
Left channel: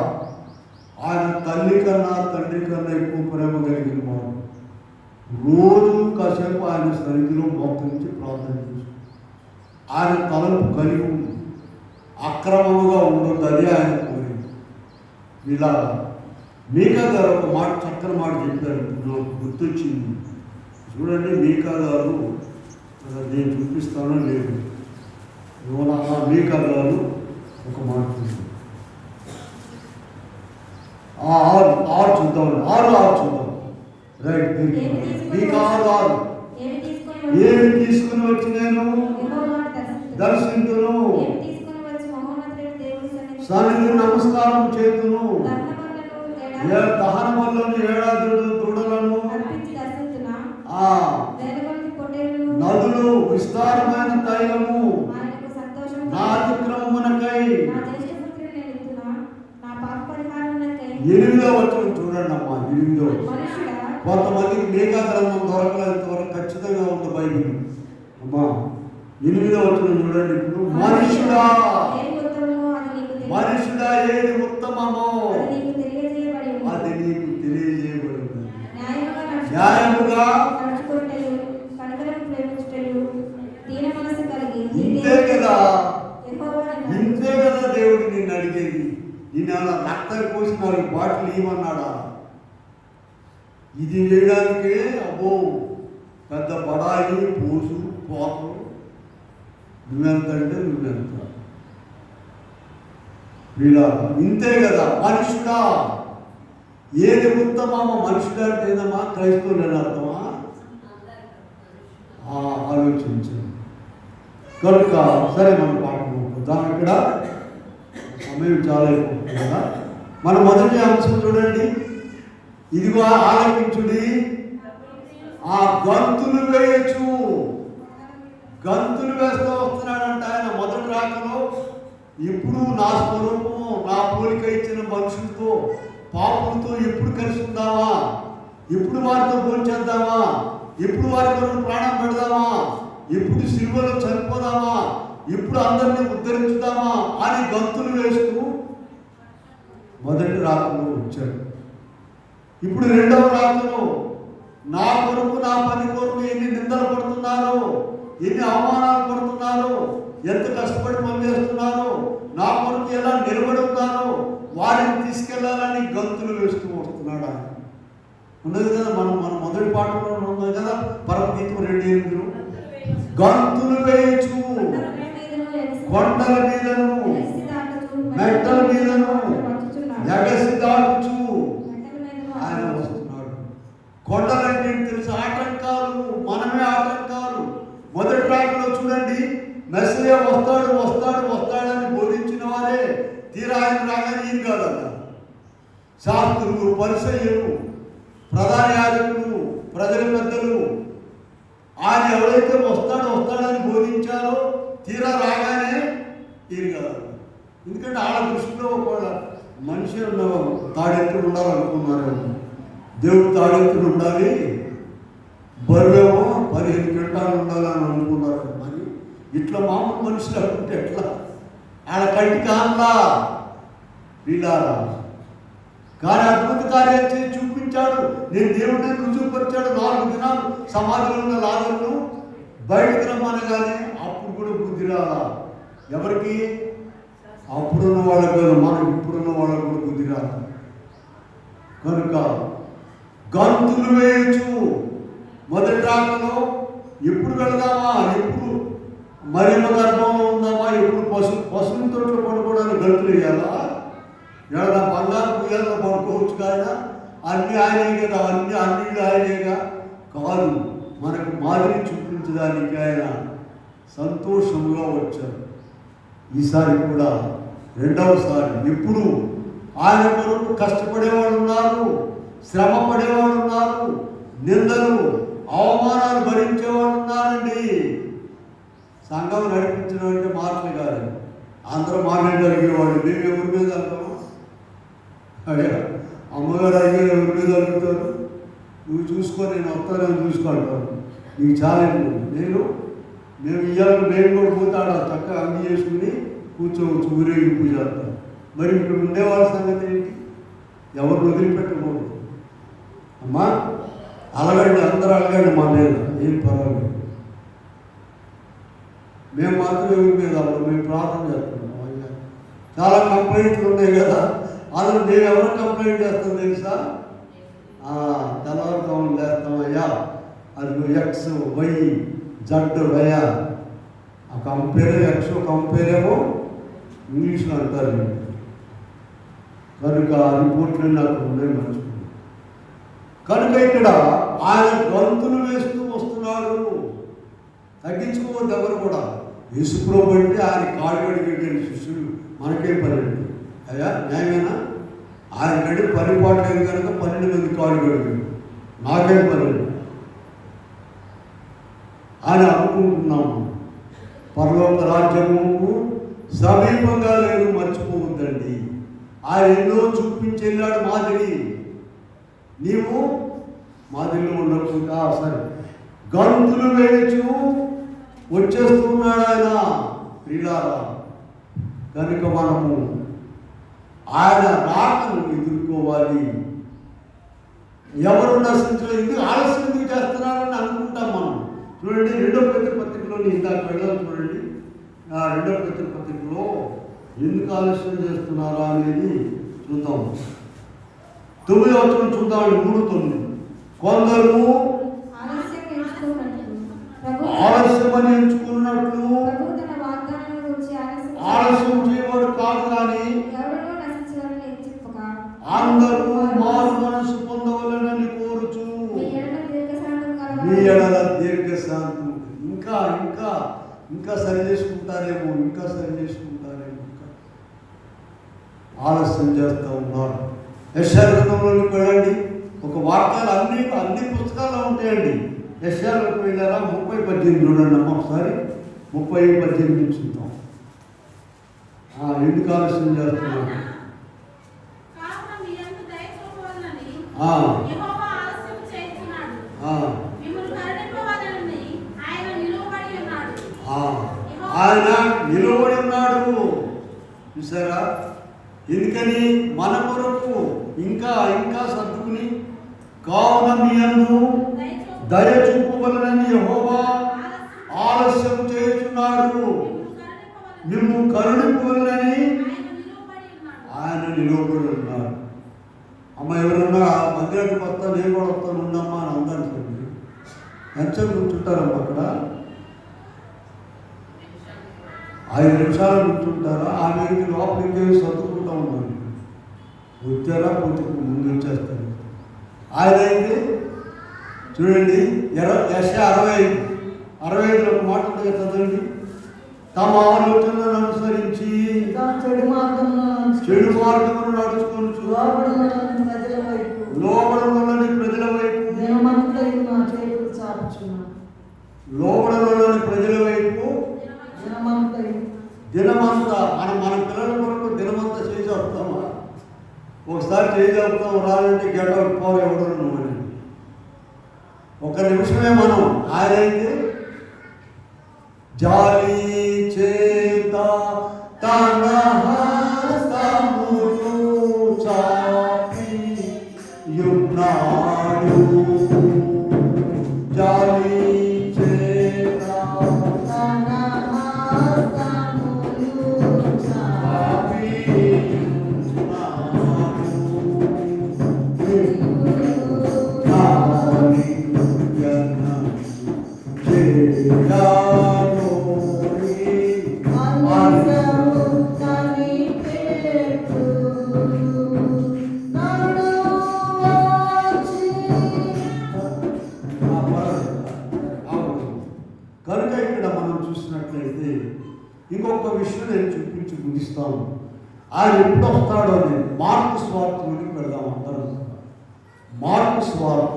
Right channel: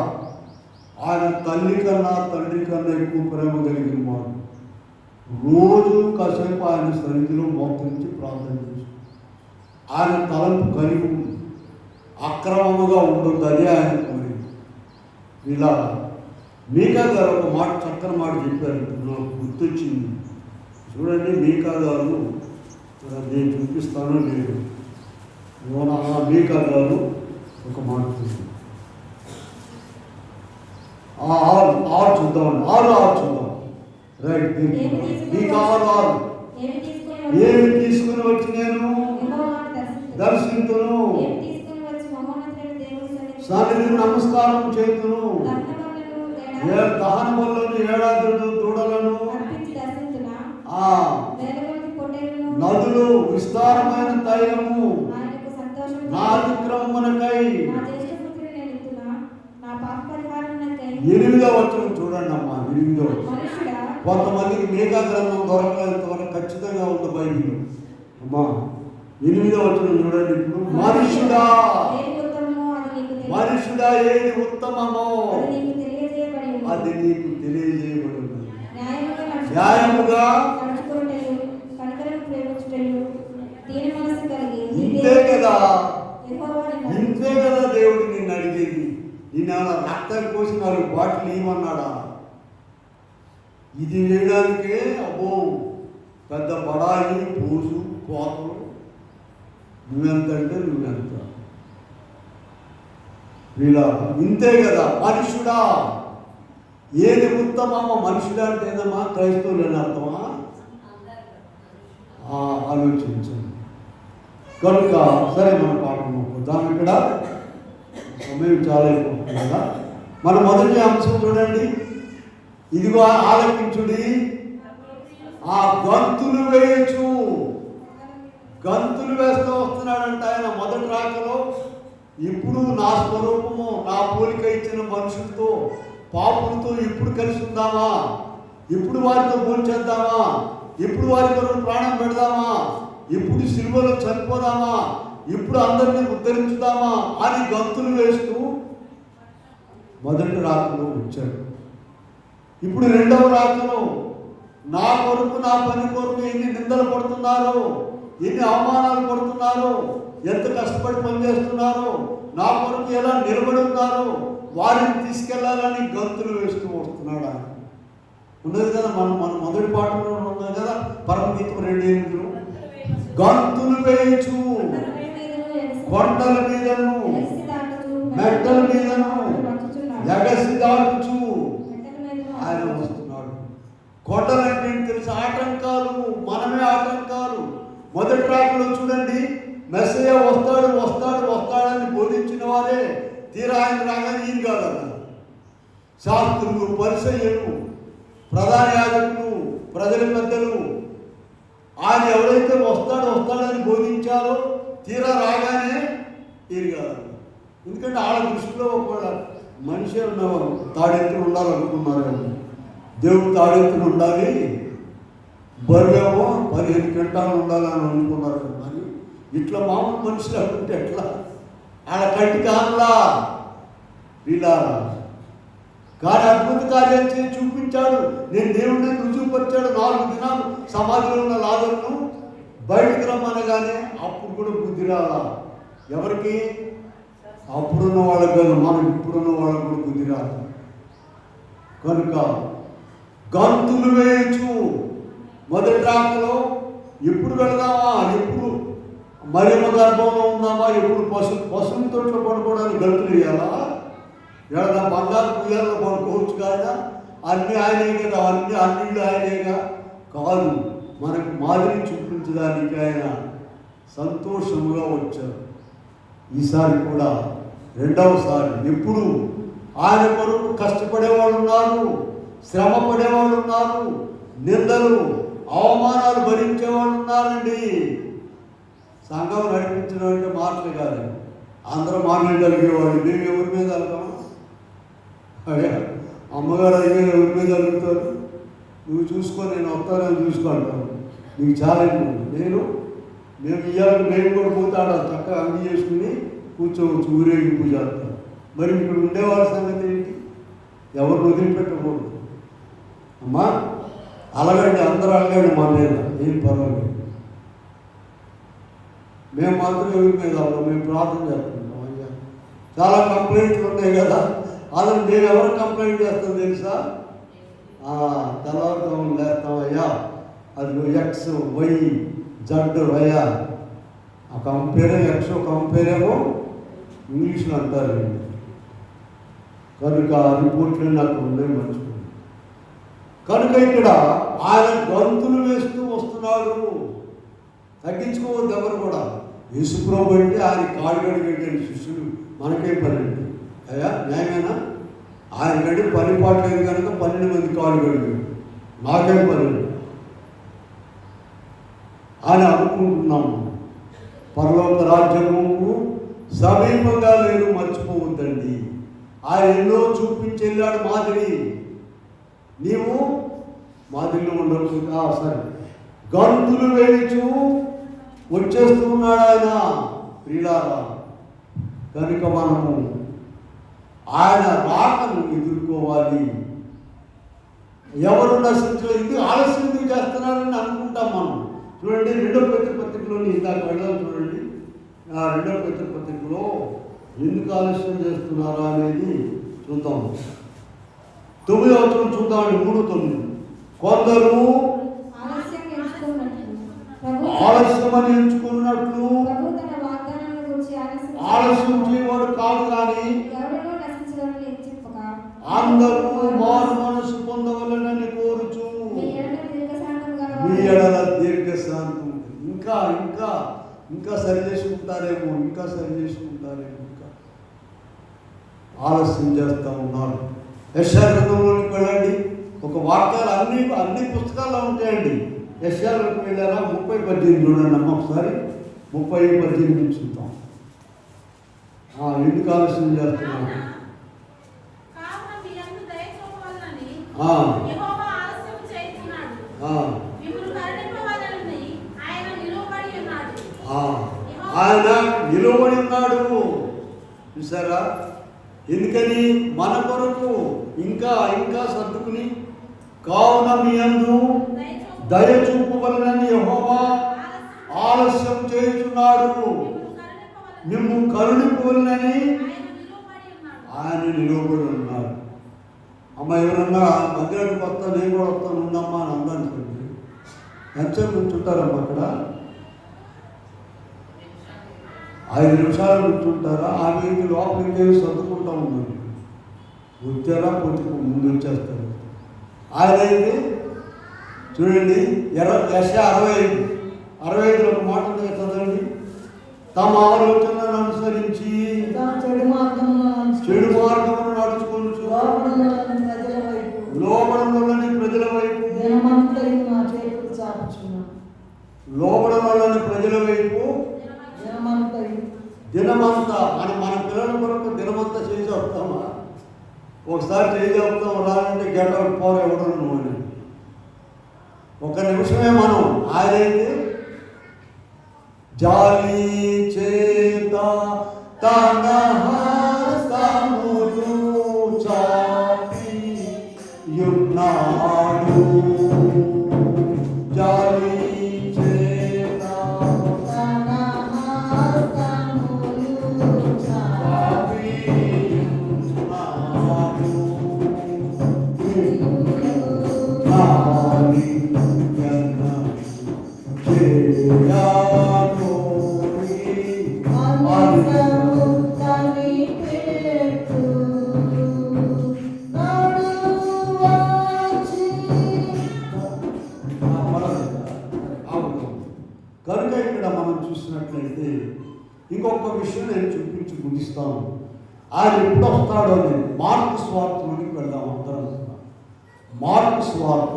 ఆయన తల్లి కన్నా తండ్రి కన్నా ఎక్కువ ప్రేమ కలిగిన వాడు. రోజు కాసేపు ఆయన సన్నిధిలో మోకరించి ప్రార్థన చేసి ఆయన తలంపు కలిగి అక్రమముగా ఉండొద్దని ఆయన కోరింది. ఇలా మీకా గారు ఒక మాట, చక్కని మాట చెప్పారు, నాకు గుర్తొచ్చింది. చూడండి, మీకా గారు, నేను చూపిస్తానో లేదు, మీకా గారు ఒక మాట చూద్దాం. 6 చూద్దాం. రైట్. ఏమి తీసుకుని ఈ కావాలి ఏమి తీసుకుని ఏమి తీసుకుని వచ్చి నేను యెహోవాను దర్శింతును, ఏమి తీసుకుని వచ్చి మహోన్నతుడైన దేవుని సన్నిధిని నమస్కారం చేతును, దహనబలులను ఏడాదులు దూడలను అర్పించి దర్శించునా ఆ వేల కొలది పొట్టేళ్లను నదులు విస్తారమైన తైలము ఆయనకు సంతోషం నా అతిక్రమమునకై. నా దేశపుత్రుని నేను ఎత్తునా నా పాప పరిహారమునకై 8వ వచనం చూడండి అమ్మా. 8వ వచనం. మనుషుడా కొంతమందికి మేఘా గ్రంథం దొరకలేంత వరకు ఖచ్చితంగా ఉంది బైబిల్. అమ్మా 8వ వచనం చూడండి. ఇప్పుడు మనుషుడా ఏది ఉత్తమమో అది నీకు తెలియదు. మనుషుడా ఏది ఉత్తమమో అది నీకు తెలియజేయబడి ఉంది. అది నీకు తెలియజేయబడి ఉంది. న్యాయముగా న్యాయముగా నడుచుకొనుటయు, కనికరము ప్రేమించుటయు, దీన మనస్సు కలిగి ఇంతే కదా, యెహోవాను ఇంతే కదా దేవుడు నిన్ను అడిగేది. నిన్ను ఏమైనా రక్తం కోసి 4 బాటిల్ ఇవ్వమన్నాడా? ఇది వేయడానికే అబ్బో పెద్ద బడాయి పూసు కోపం. నువ్వెంత అంటే నువ్వెంత. వీళ్ళ ఇంతే కదా. మనుషుడా ఏది ఉత్తమమో, మనుషుడా అంటే ఏదమ్మా? క్రైస్తవులు అని అర్థమా? ఆలోచించండి. కనుక సరే మనం పాఠం ఇక్కడ సమయం చాలా అయిపోతుంది కదా. మన మొదటి అంశం చూడండి. ఇదిగో ఆలకించుడి, ఆ గంతులు వేయచ్చు. గంతులు వేస్తూ వస్తున్నాడంట ఆయన మొదటి రాకలో. ఇప్పుడు నా స్వరూపము, నా పోలిక ఇచ్చిన మనుషులతో, పాపులతో ఎప్పుడు కలిసి ఉందామా? ఎప్పుడు వారితో భోంచేద్దామా? ఎప్పుడు వారి కొరకు ప్రాణం పెడదామా? ఎప్పుడు సిలువలో చనిపోదామా? ఇప్పుడు అందరినీ ఉద్ధరించుదామా అని గంతులు వేస్తూ మొదటి రాకలో వచ్చాడు. ఇప్పుడు 2వ రాకలో నా కొరకు, నా పని కొరకు ఎన్ని నిందలు పడుతున్నారో, ఎన్ని అవమానాలు పడుతున్నారో, ఎంత కష్టపడి పనిచేస్తున్నారో, నా కొరకు ఎలా నిలబడి ఉన్నారో వారిని తీసుకెళ్లాలని గంతులు వేస్తూ వస్తున్నాడు ఆయన. ఉన్నది కదా, మన మొదటి పాటలో ఉన్నాం కదా, పరమగీతం 2:8 గంతులు వేయచ్చు కొండల మీదను మెట్టల మీదను ఎగసి దాటుచు ఆయన వస్తున్నాడు. కొండలంటే తెలుసు, ఆటంకాలు, మనమే ఆటంకాలు. మొదటి రాకలో చూడండి, మెస్సయ్య వస్తాడు వస్తాడు వస్తాడని బోధించిన వారే తీరా ఆయన రాగానే ఈయన కాదన్న. శాస్త్రులు, పరిసయ్యులు, ప్రధాన యాజకులు, ప్రజల పెద్దలు ఆయన ఎవరైతే వస్తాడని బోధించారో తీరా రాగానే ఈయన కాదన్న. ఎందుకంటే వాళ్ళ దృష్టిలో ఒక మనిషి తాడెత్తులు ఉండాలనుకున్నారు. దేవుడు తాడెత్తులు ఉండాలి, బరువేమో 15 క్వింటాలు ఉండాలని అనుకున్నారు. కానీ ఇట్లా మామూలు మనుషులు అనుకుంటే ఎట్లా? ఆయన కంటికి ఆనలా వీళ్ళారా. కానీ అద్భుత కార్యాలు చేసి చూపించాడు. నేను దేవుడిని రుజువుపరిచాడు. 4 దినాలు సమాధిలో ఉన్న లాజరును బయటకు రమ్మనగానే అప్పుడు కూడా బుద్ధి రాలా. ఎవరికి? అప్పుడున్న వాళ్ళకి కాదు, మనం ఇప్పుడున్న వాళ్ళకి కూడా బుద్ధి రాదు. కనుక గంతులు వేయచ్చు. మొదటి రాకలో ఎప్పుడు వెళదామా, ఎప్పుడు మరేమ గర్భంలో ఉందామా, ఎప్పుడు పశువుల తోటలో పడుకోవడానికి గంతులు వేయాలా? ఏదైనా బంగారు పుయ్యాల్లో పడుకోవచ్చు కాదా? అన్నీ ఆయనే కదా, అన్నిళ్ళు ఆయనేగా. కాదు, మనకు మాదిరి చూపించడానికి ఆయన సంతోషంగా వచ్చారు. ఈసారి కూడా 2వసారి ఎప్పుడు ఆయన కొరకు కష్టపడేవాళ్ళు ఉన్నారు, శ్రమ పడేవాళ్ళు ఉన్నారు, నిందలు అవమానాలు భరించేవాళ్ళు ఉన్నారండి. సంఘం నడిపించడం అంటే మాటలు కాదు. అందరూ మాట్లాడి అడిగేవాళ్ళు. మేము ఎవరి మీద వెళ్తాము? అదే అమ్మగారు అడిగే ఎవరి మీద అడుగుతారు? నువ్వు చూసుకో, నేను వస్తానని చూసుకుంటాను, నీకు ఛాలెంజ్. మేము ఇయ్యాలి, నేను కూడా పోతాడు చక్కగా అన్ని చేసుకుని కూర్చోవచ్చు, ఊరేగింపు చేస్తాను. మరి ఇక్కడ ఉండేవాళ్ళ సంగతి ఏంటి? ఎవరు వదిలిపెట్టకూడదు. అమ్మా అలగండి, అందరూ అలగండి, మా మీద ఏం పర్వాలేదు. మేము మాత్రం ఎవరి మీద అవ్వడం, మేము ప్రార్థన చేస్తున్నాం. చాలా కంప్లైంట్లు ఉన్నాయి కదా, అసలు మేము ఎవరు కంప్లైంట్ చేస్తాం తెలుసా? తెల్లవారుతాం లేస్తామయ్యా, అది ఎక్స్ వై జడ్ వయ్యా. ఆ కంపేరే ఎక్స్, కంపేరేమో ఇంగ్లీష్లో అంటారు. కనుక రిపోర్ట్లు నాకు ఉండే మంచుకున్నాను. కనుక ఇక్కడ ఆయన గంతులు వేస్తూ వస్తున్నాడు. తగ్గించుకోవద్దు ఎవరు కూడా. యేసుప్రభు అంటే ఆయన కాళ్ళు కడిగేటండి శిష్యులు, మనకేం పని అండి అయ్యా, న్యాయమేనా? ఆయన గడి పనిపాటు లేదు కనుక 12 మంది కాళ్ళు కడిగాడు, నాకేం పని అండి అని అనుకుంటున్నాము. పరలోక రాజ్యముకు సమీపంగా లేదు, మర్చిపోవద్దండి. ఆయన ఎన్నో చూపించి వెళ్ళాడు మాదిరి. నీవు మాదిరిలో ఉండకుండా సరే గంతులు వేయచ్చు వచ్చేస్తున్నాడు ఆయన ప్రియులారా. కనుక మనము ఆయన రాకను ఎదుర్కోవాలి. ఎవరు నశించలేదు, ఎందుకు ఆలస్యం ఎందుకు చేస్తున్నారని అనుకుంటాం మనం. చూడండి 2వ పేతురు పత్రికలోని ఇందాక వెళ్ళాలి చూడండి. 2వ పేతురు పత్రికలో ఎందుకు ఆలస్యం చేస్తున్నారా అనేది చూద్దాం. 9వ వచనం చూద్దామండి. 3:9 కొందరు ఆలస్యమని ఎంచుకున్నట్లు ఆలస్యం చేయవాడు కాదు, కానీ అందరూ మారు మనసు పొందవలనని కోరుచు మీ ఎడల దీర్ఘశాంతం. ఇంకా ఇంకా ఇంకా సరి చేసుకుంటారేమో, ఇంకా సరి చేసుకుంటారేమో, ఇంకా ఆలస్యం చేస్తూ ఉన్నారు. యెషయా గ్రంథంలోకి వెళ్ళండి. ఒక వార్తలు అన్ని పుస్తకాల్లో ఉంటాయండి. యెషయాలోకి వెళ్ళారా 30:18 చూడండి అమ్మ ఒకసారి. 30:18 చూద్దాం. ఎందుకు ఆలస్యం చేస్తున్నారు? ఆయన నిలబడి ఉన్నాడు. చూసారా? ఎందుకని? మన కొరకు ఇంకా ఇంకా సర్దుకుని కావున మీ యందు దయ చూపవలనని యెహోవా ఆలస్యం చేస్తున్నాడు, నిన్ను కరుణింపులని ఆయన నిలబడి ఉన్నాడు. అమ్మ ఎవరన్నా మందిరానికి వస్తా, నేను కూడా వస్తాను ఉండమ్మా అని అందరికీ ఎంతసేపు కూర్చుంటారమ్మా అక్కడ? 5 నిమిషాలు కూర్చుంటారా? ఆ మీకు లోపలికి సర్దుకుంటూ ఉంటారు. వచ్చారా పొద్దుకు ముందు వచ్చేస్తారు. ఆయన అయితే చూడండి యెషయా 65 మాట ఉంది చదవండి. తమ ఆలోచనలను అనుసరించి చెడు మార్గమును నడుచుకొనుచు లోబడనులని ప్రజల వైపు దినమంతా మన పిల్లల కొరకు దినమంతా చేసేస్తామా? ఒకసారి చేసేస్తాం, రాలంటే గెట్ అవుట్ పవర్ ఎవరు అని. ఒక నిమిషమే మనం. ఆయనైతే జాలి చేత తన హస్తములు చాపి యున్నాడు. జాలి చేత తన హస్తములు చాపి యున్నాడు. కనుక ఇక్కడ మనం చూసినట్లయితే ఇంకొక విషయం నేను చూపించి ముగిస్తాను. ఆయన ఎప్పుడు వస్తాడో నేను మార్కు స్వార్థలోకి వెళ్దాం అందరం. మార్కు స్వార్థ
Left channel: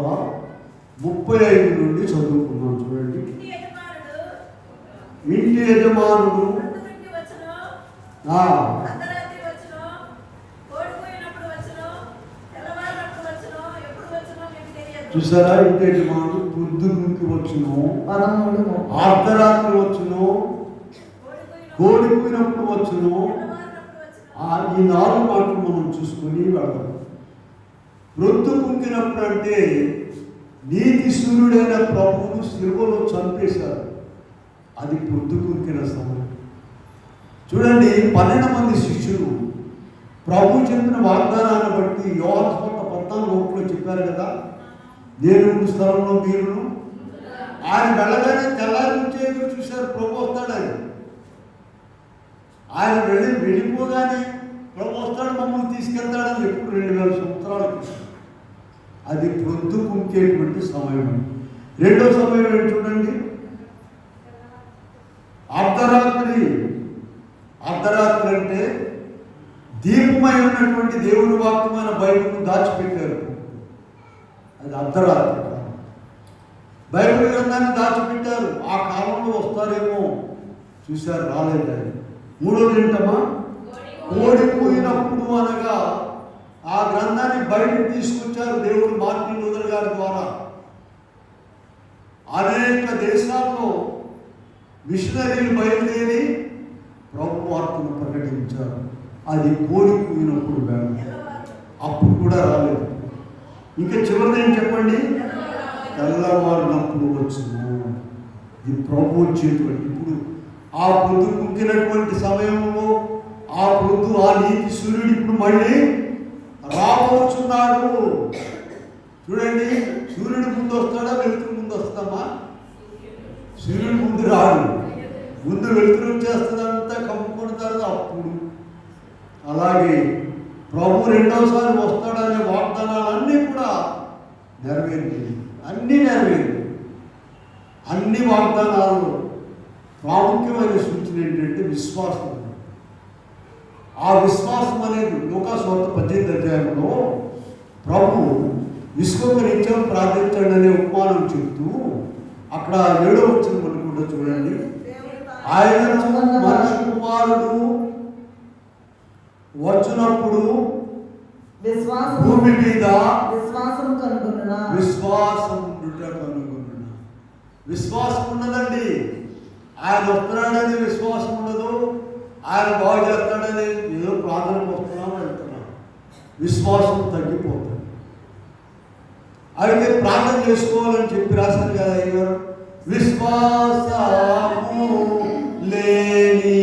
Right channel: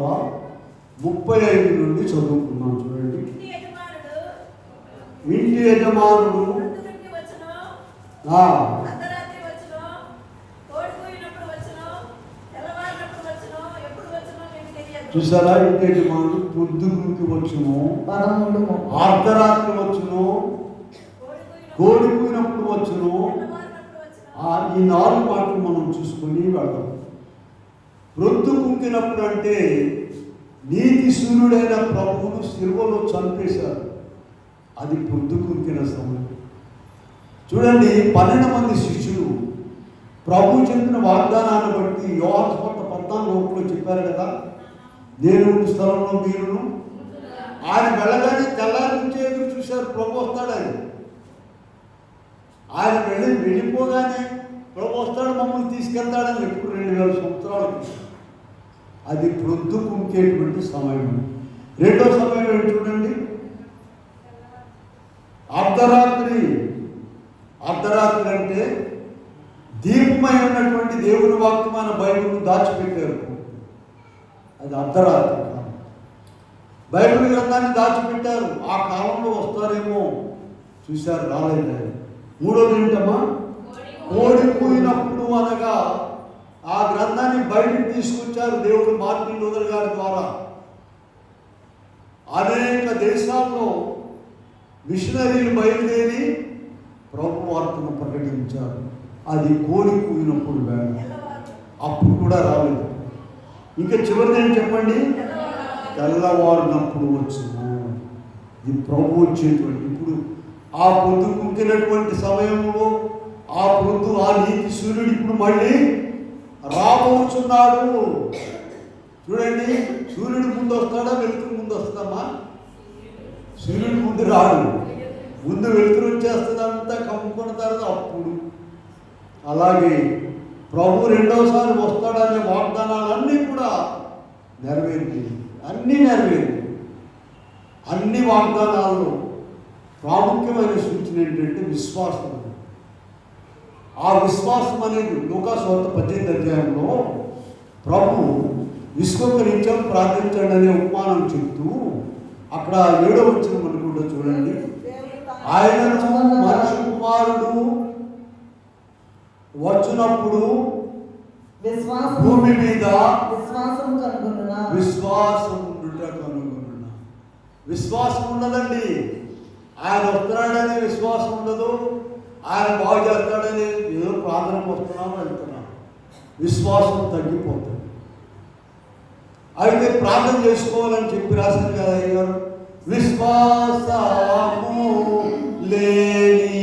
35 నుండి చదువుకున్నాం చూడండి. ఇంటి యజమానుడు చూసారా? ఇంటి యజమానుడు పొద్దున్నకి వచ్చును, అర్ధరాత్రి వచ్చును, కోడిపోయినప్పుడు వచ్చును. ఈ 4 మాటలు మనం చూసుకొని వెళ్దాం. రొద్దు కుంకినప్పుడు అంటే నీతి సూర్యుడైన ప్రభువును సిలువలో చంపేశారు. అది పొద్దు కుంకిన సమయం. చూడండి 12 మంది శిష్యులు ప్రభు చెప్పిన వాగ్దానాన్ని బట్టి యోహాను సువార్త 14:1 చెప్పారు కదా, నేను స్థలంలో మీరు. ఆయన వెళ్ళగానే తెల్లారి నుంచి ఎదురు చూశారు, ప్రభు వస్తాడని. ఆయన వెళ్ళిపోగానే ప్రభు వస్తాడు, మమ్మల్ని తీసుకెళ్తాడని ఎప్పుడు 2000 సంవత్సరాలు. అది ప్రొద్దుకుంకేటువంటి సమయం. రెండో సమయం ఏంటి చూడండి, అర్ధరాత్రి. అర్ధరాత్రి అంటే దీపమై ఉన్నటువంటి దేవుని వాక్యమైన బైబిల్ను దాచిపెట్టారు. అది అర్ధరాత్రి. బైబిల్ గ్రంథాన్ని దాచిపెట్టారు. ఆ కాలంలో వస్తారేమో చూశారు, రాలేదు. మూడోది ఏంటమ్మా, ఓడిపోయినప్పుడు అనగా ఆ గ్రంథాన్ని బయటకు తీసుకొచ్చారు దేవుడు మార్టిన్ లూథర్ గారి ద్వారా. అనేక దేశాల్లో మిషనరీలు బయలుదేరి ప్రభు వార్తను ప్రకటించారు. అది కోడిపోయినప్పుడు వేళ, అప్పుడు కూడా రాలేదు. ఇంకా చివరిది ఏం చెప్పండి, తెల్లవారినప్పుడు వచ్చింది. ఇది ప్రభు వచ్చేటువంటి ఇప్పుడు ఆ పొద్దు కుంకినటువంటి సమయంలో ఆ పొద్దు ఆ నీతి సూర్యుడు ఇప్పుడు మళ్ళీ రాబోతున్నాడు. చూడండి, సూర్యుడు ముందు వస్తాడా, వెలుతురు ముందు వస్తామా? సూర్యుడు ముందు రాడు, ముందు వెలుతురు వచ్చేస్తుందంతా కమ్ముకున్న తర్వాత అప్పుడు. అలాగే ప్రభు రెండోసారి వస్తాడనే వాగ్దానాలన్నీ కూడా నెరవేరింది. అన్నీ నెరవేరింది. అన్ని వాగ్దానాల్లో ప్రాముఖ్యమైన సూచన ఏంటంటే విశ్వాసం. ఆ విశ్వాసం అనేది లూకాసు వార్త 18వ అధ్యాయంలో ప్రభు విశ్వకరించాం ప్రార్థించండి అనే ఉపమానం చెప్తూ అక్కడ 7వ వచనం అనుకుంటా చూడండి, ఆయనను మనుష్య కుమారుడు వచ్చినప్పుడు భూమి మీద విశ్వాసం కనుగొనున్నా. విశ్వాసం ఉన్నదండి. ఆయన వస్తున్నాడని విశ్వాసం ఉండదు. ఆయన బాగు చేస్తాడని ఏదో ప్రార్థనకు వస్తున్నాం వెళ్తున్నాం, విశ్వాసం తగ్గిపోతుంది. అయితే ప్రార్థన చేసుకోవాలని చెప్పి రాశారు కదా అయ్యారు, విశ్వాసము లేని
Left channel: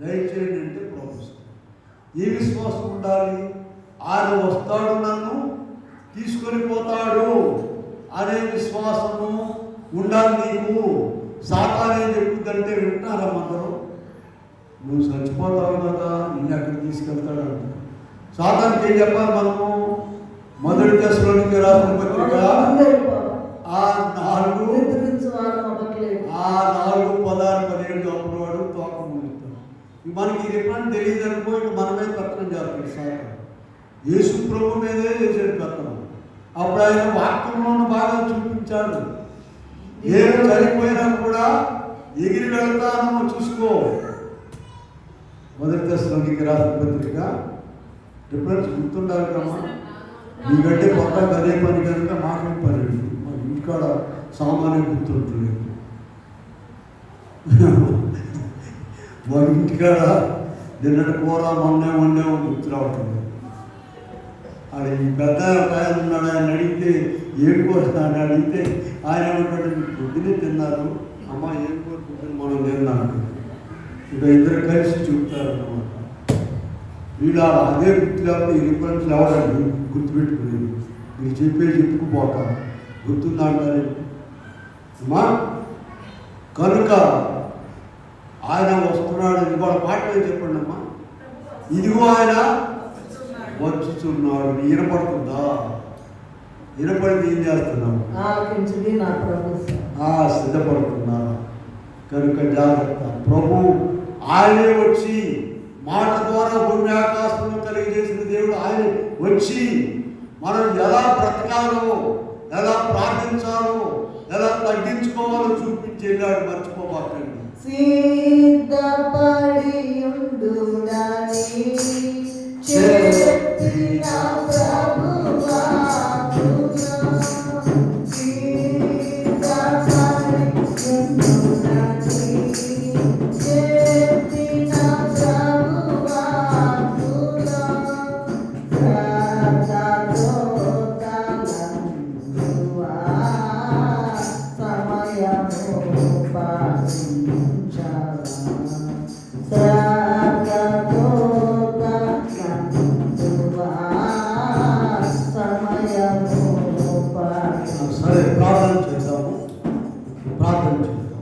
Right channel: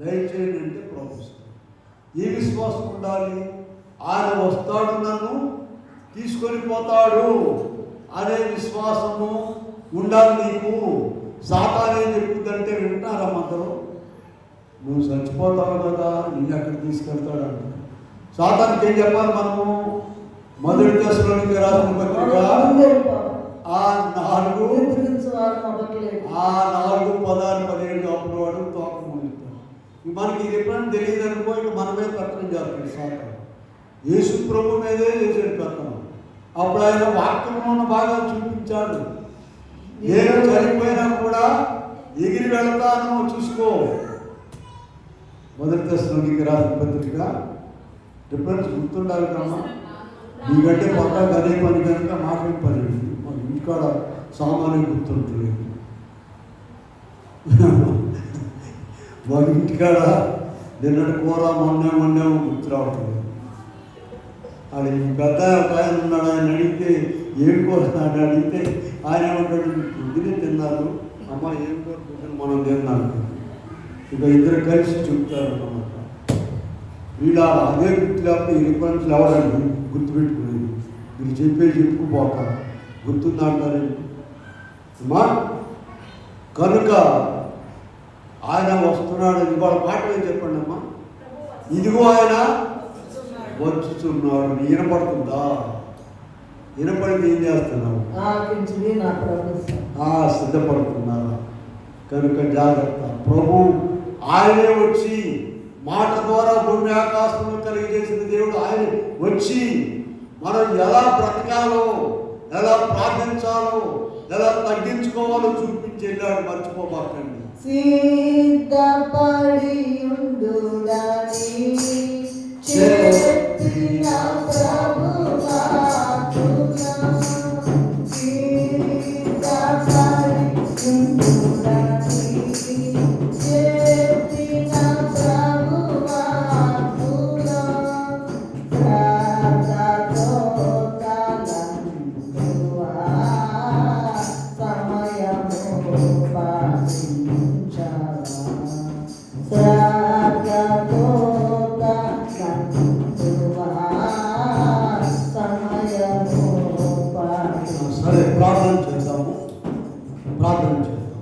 దయచేయండి అంటే ప్రభుత్వం. ఏ విశ్వాసం ఉండాలి? ఆయన వస్తాడు, నన్ను తీసుకొని పోతాడు అనే విశ్వాసము ఉండాలి నీకు. సాతాను ఏం చెప్పుద్దంటే వింటారా అందరూ, నువ్వు చచ్చిపోతావు కదా, నిన్ను అక్కడ తీసుకెళ్తాడు అంట. సాతానికి ఏం చెప్పాలి మనము? మొదటి దశలోనికి రాసిన పత్రిక 4:16-17 అప్పుడు వాడు తోకం మనకి ఇది ఎప్పుడైనా తెలియదు అనుకో, ఇక మన మీద కట్టడం జరుగుతుంది. సార్ యేసు ప్రభు మీదే చేసేది కట్టడం. అప్పుడు ఆయన వాక్యంలో బాగా చూపించాడు. నేను చనిపోయినా కూడా ఎగిరి వెళ్తాను చూసుకో. మొదటి దశలోనికి రాసిన పత్రిక డిఫరెన్స్ గుర్తుండాలి కమ్మా. నీకంటే పక్కకు అదే పని కనుక మాకు పని మన ఇంటికాడ సామాన్యం గుర్తుంటుంది. మన ఇంటికాడ నిన్నటి కూర మొన్నేమో గుర్తు రావట్లేదు. అది ఈ పెద్ద ఆయన ఉన్నాడు, ఆయన అడిగితే ఏం కోరుతున్నాడు అడిగితే ఆయన ఏమంటాడు, పొద్దునే తిన్నారు అమ్మ, ఏం కోరుకుంటాను మనం తిన్నాను. ఇక ఇద్దరు కలిసి చెప్తారు అన్నమాట. వీళ్ళు అదే గుర్తు లేకపోతే ఈ రిఫరెన్స్ ఎవరండి గుర్తుపెట్టుకునేది. మీరు చెప్పుకుపోతారు గుర్తుందంటారు అమ్మా. కనుక ఆయన వస్తున్నాడు. ఇవాళ పాటలు చెప్పండి అమ్మా. ఇదిగో ఆయన వచ్చుచున్నాడు. వినపడుతుందా? వినపడింది ఏం చేస్తున్నావు? సిద్ధపడుతున్నా. కనుక జాగ్రత్త. ప్రభు ఆయనే వచ్చి మాట ద్వారా భూమి ఆకాశంలో కలిగజేసిన దేవుడు ఆయన వచ్చి మనం ఎలా బ్రతకాలో, ఎలా ప్రార్థించాలో, ఎలా తగ్గించుకోవాలో చూపించి వెళ్ళాడు, మర్చిపోబాకండి. సిద్ధపడి ఉండునని చెప్పిన ప్రభువా సిద్ధపడి ఉండునని చెప్పిన ప్రభువా సరే, ప్రార్థన చేద్దాము. ప్రార్థన చేద్దాం.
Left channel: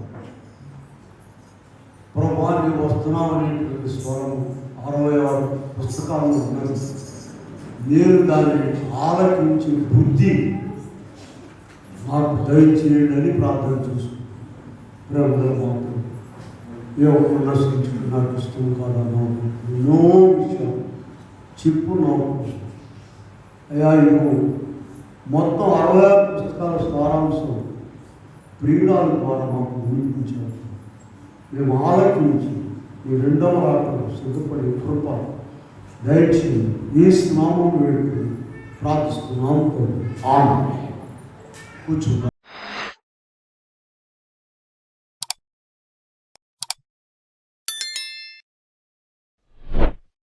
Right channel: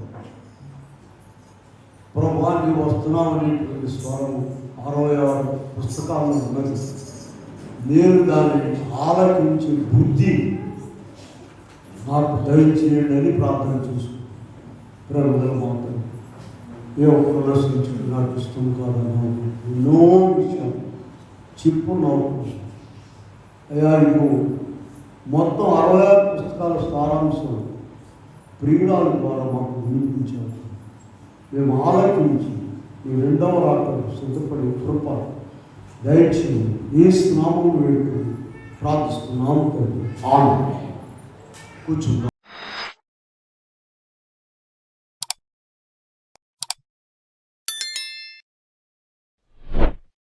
ప్రభానికి వస్తున్నామనేటువంటి స్వరము 66 పుస్తకాలను ఉన్నది. నేను దానిని ఆలకించి బుద్ధి నాకు దయచేయండి అని ప్రార్థన చేసుకుంటాను. ప్రభుత్వ మాత్రం ఏ ఒక్కరు దర్శించుకుని నాకు ఇష్టం కాదన్నా ఎన్నో విషయాలు చెప్పు నాకు అయ్యా. ఇదిగో మొత్తం 66 పుస్తకాల సారాంశం ప్రియురాల ద్వారా మాకు వినిపించారు. మేము ఆలకించి ఈ రెండవ ఆటలు సిద్ధపడి కృప దయచేయండి. ఈ స్నామం వేడుకొని ప్రార్థిస్తున్నాము. ఆమె కూర్చున్నాం.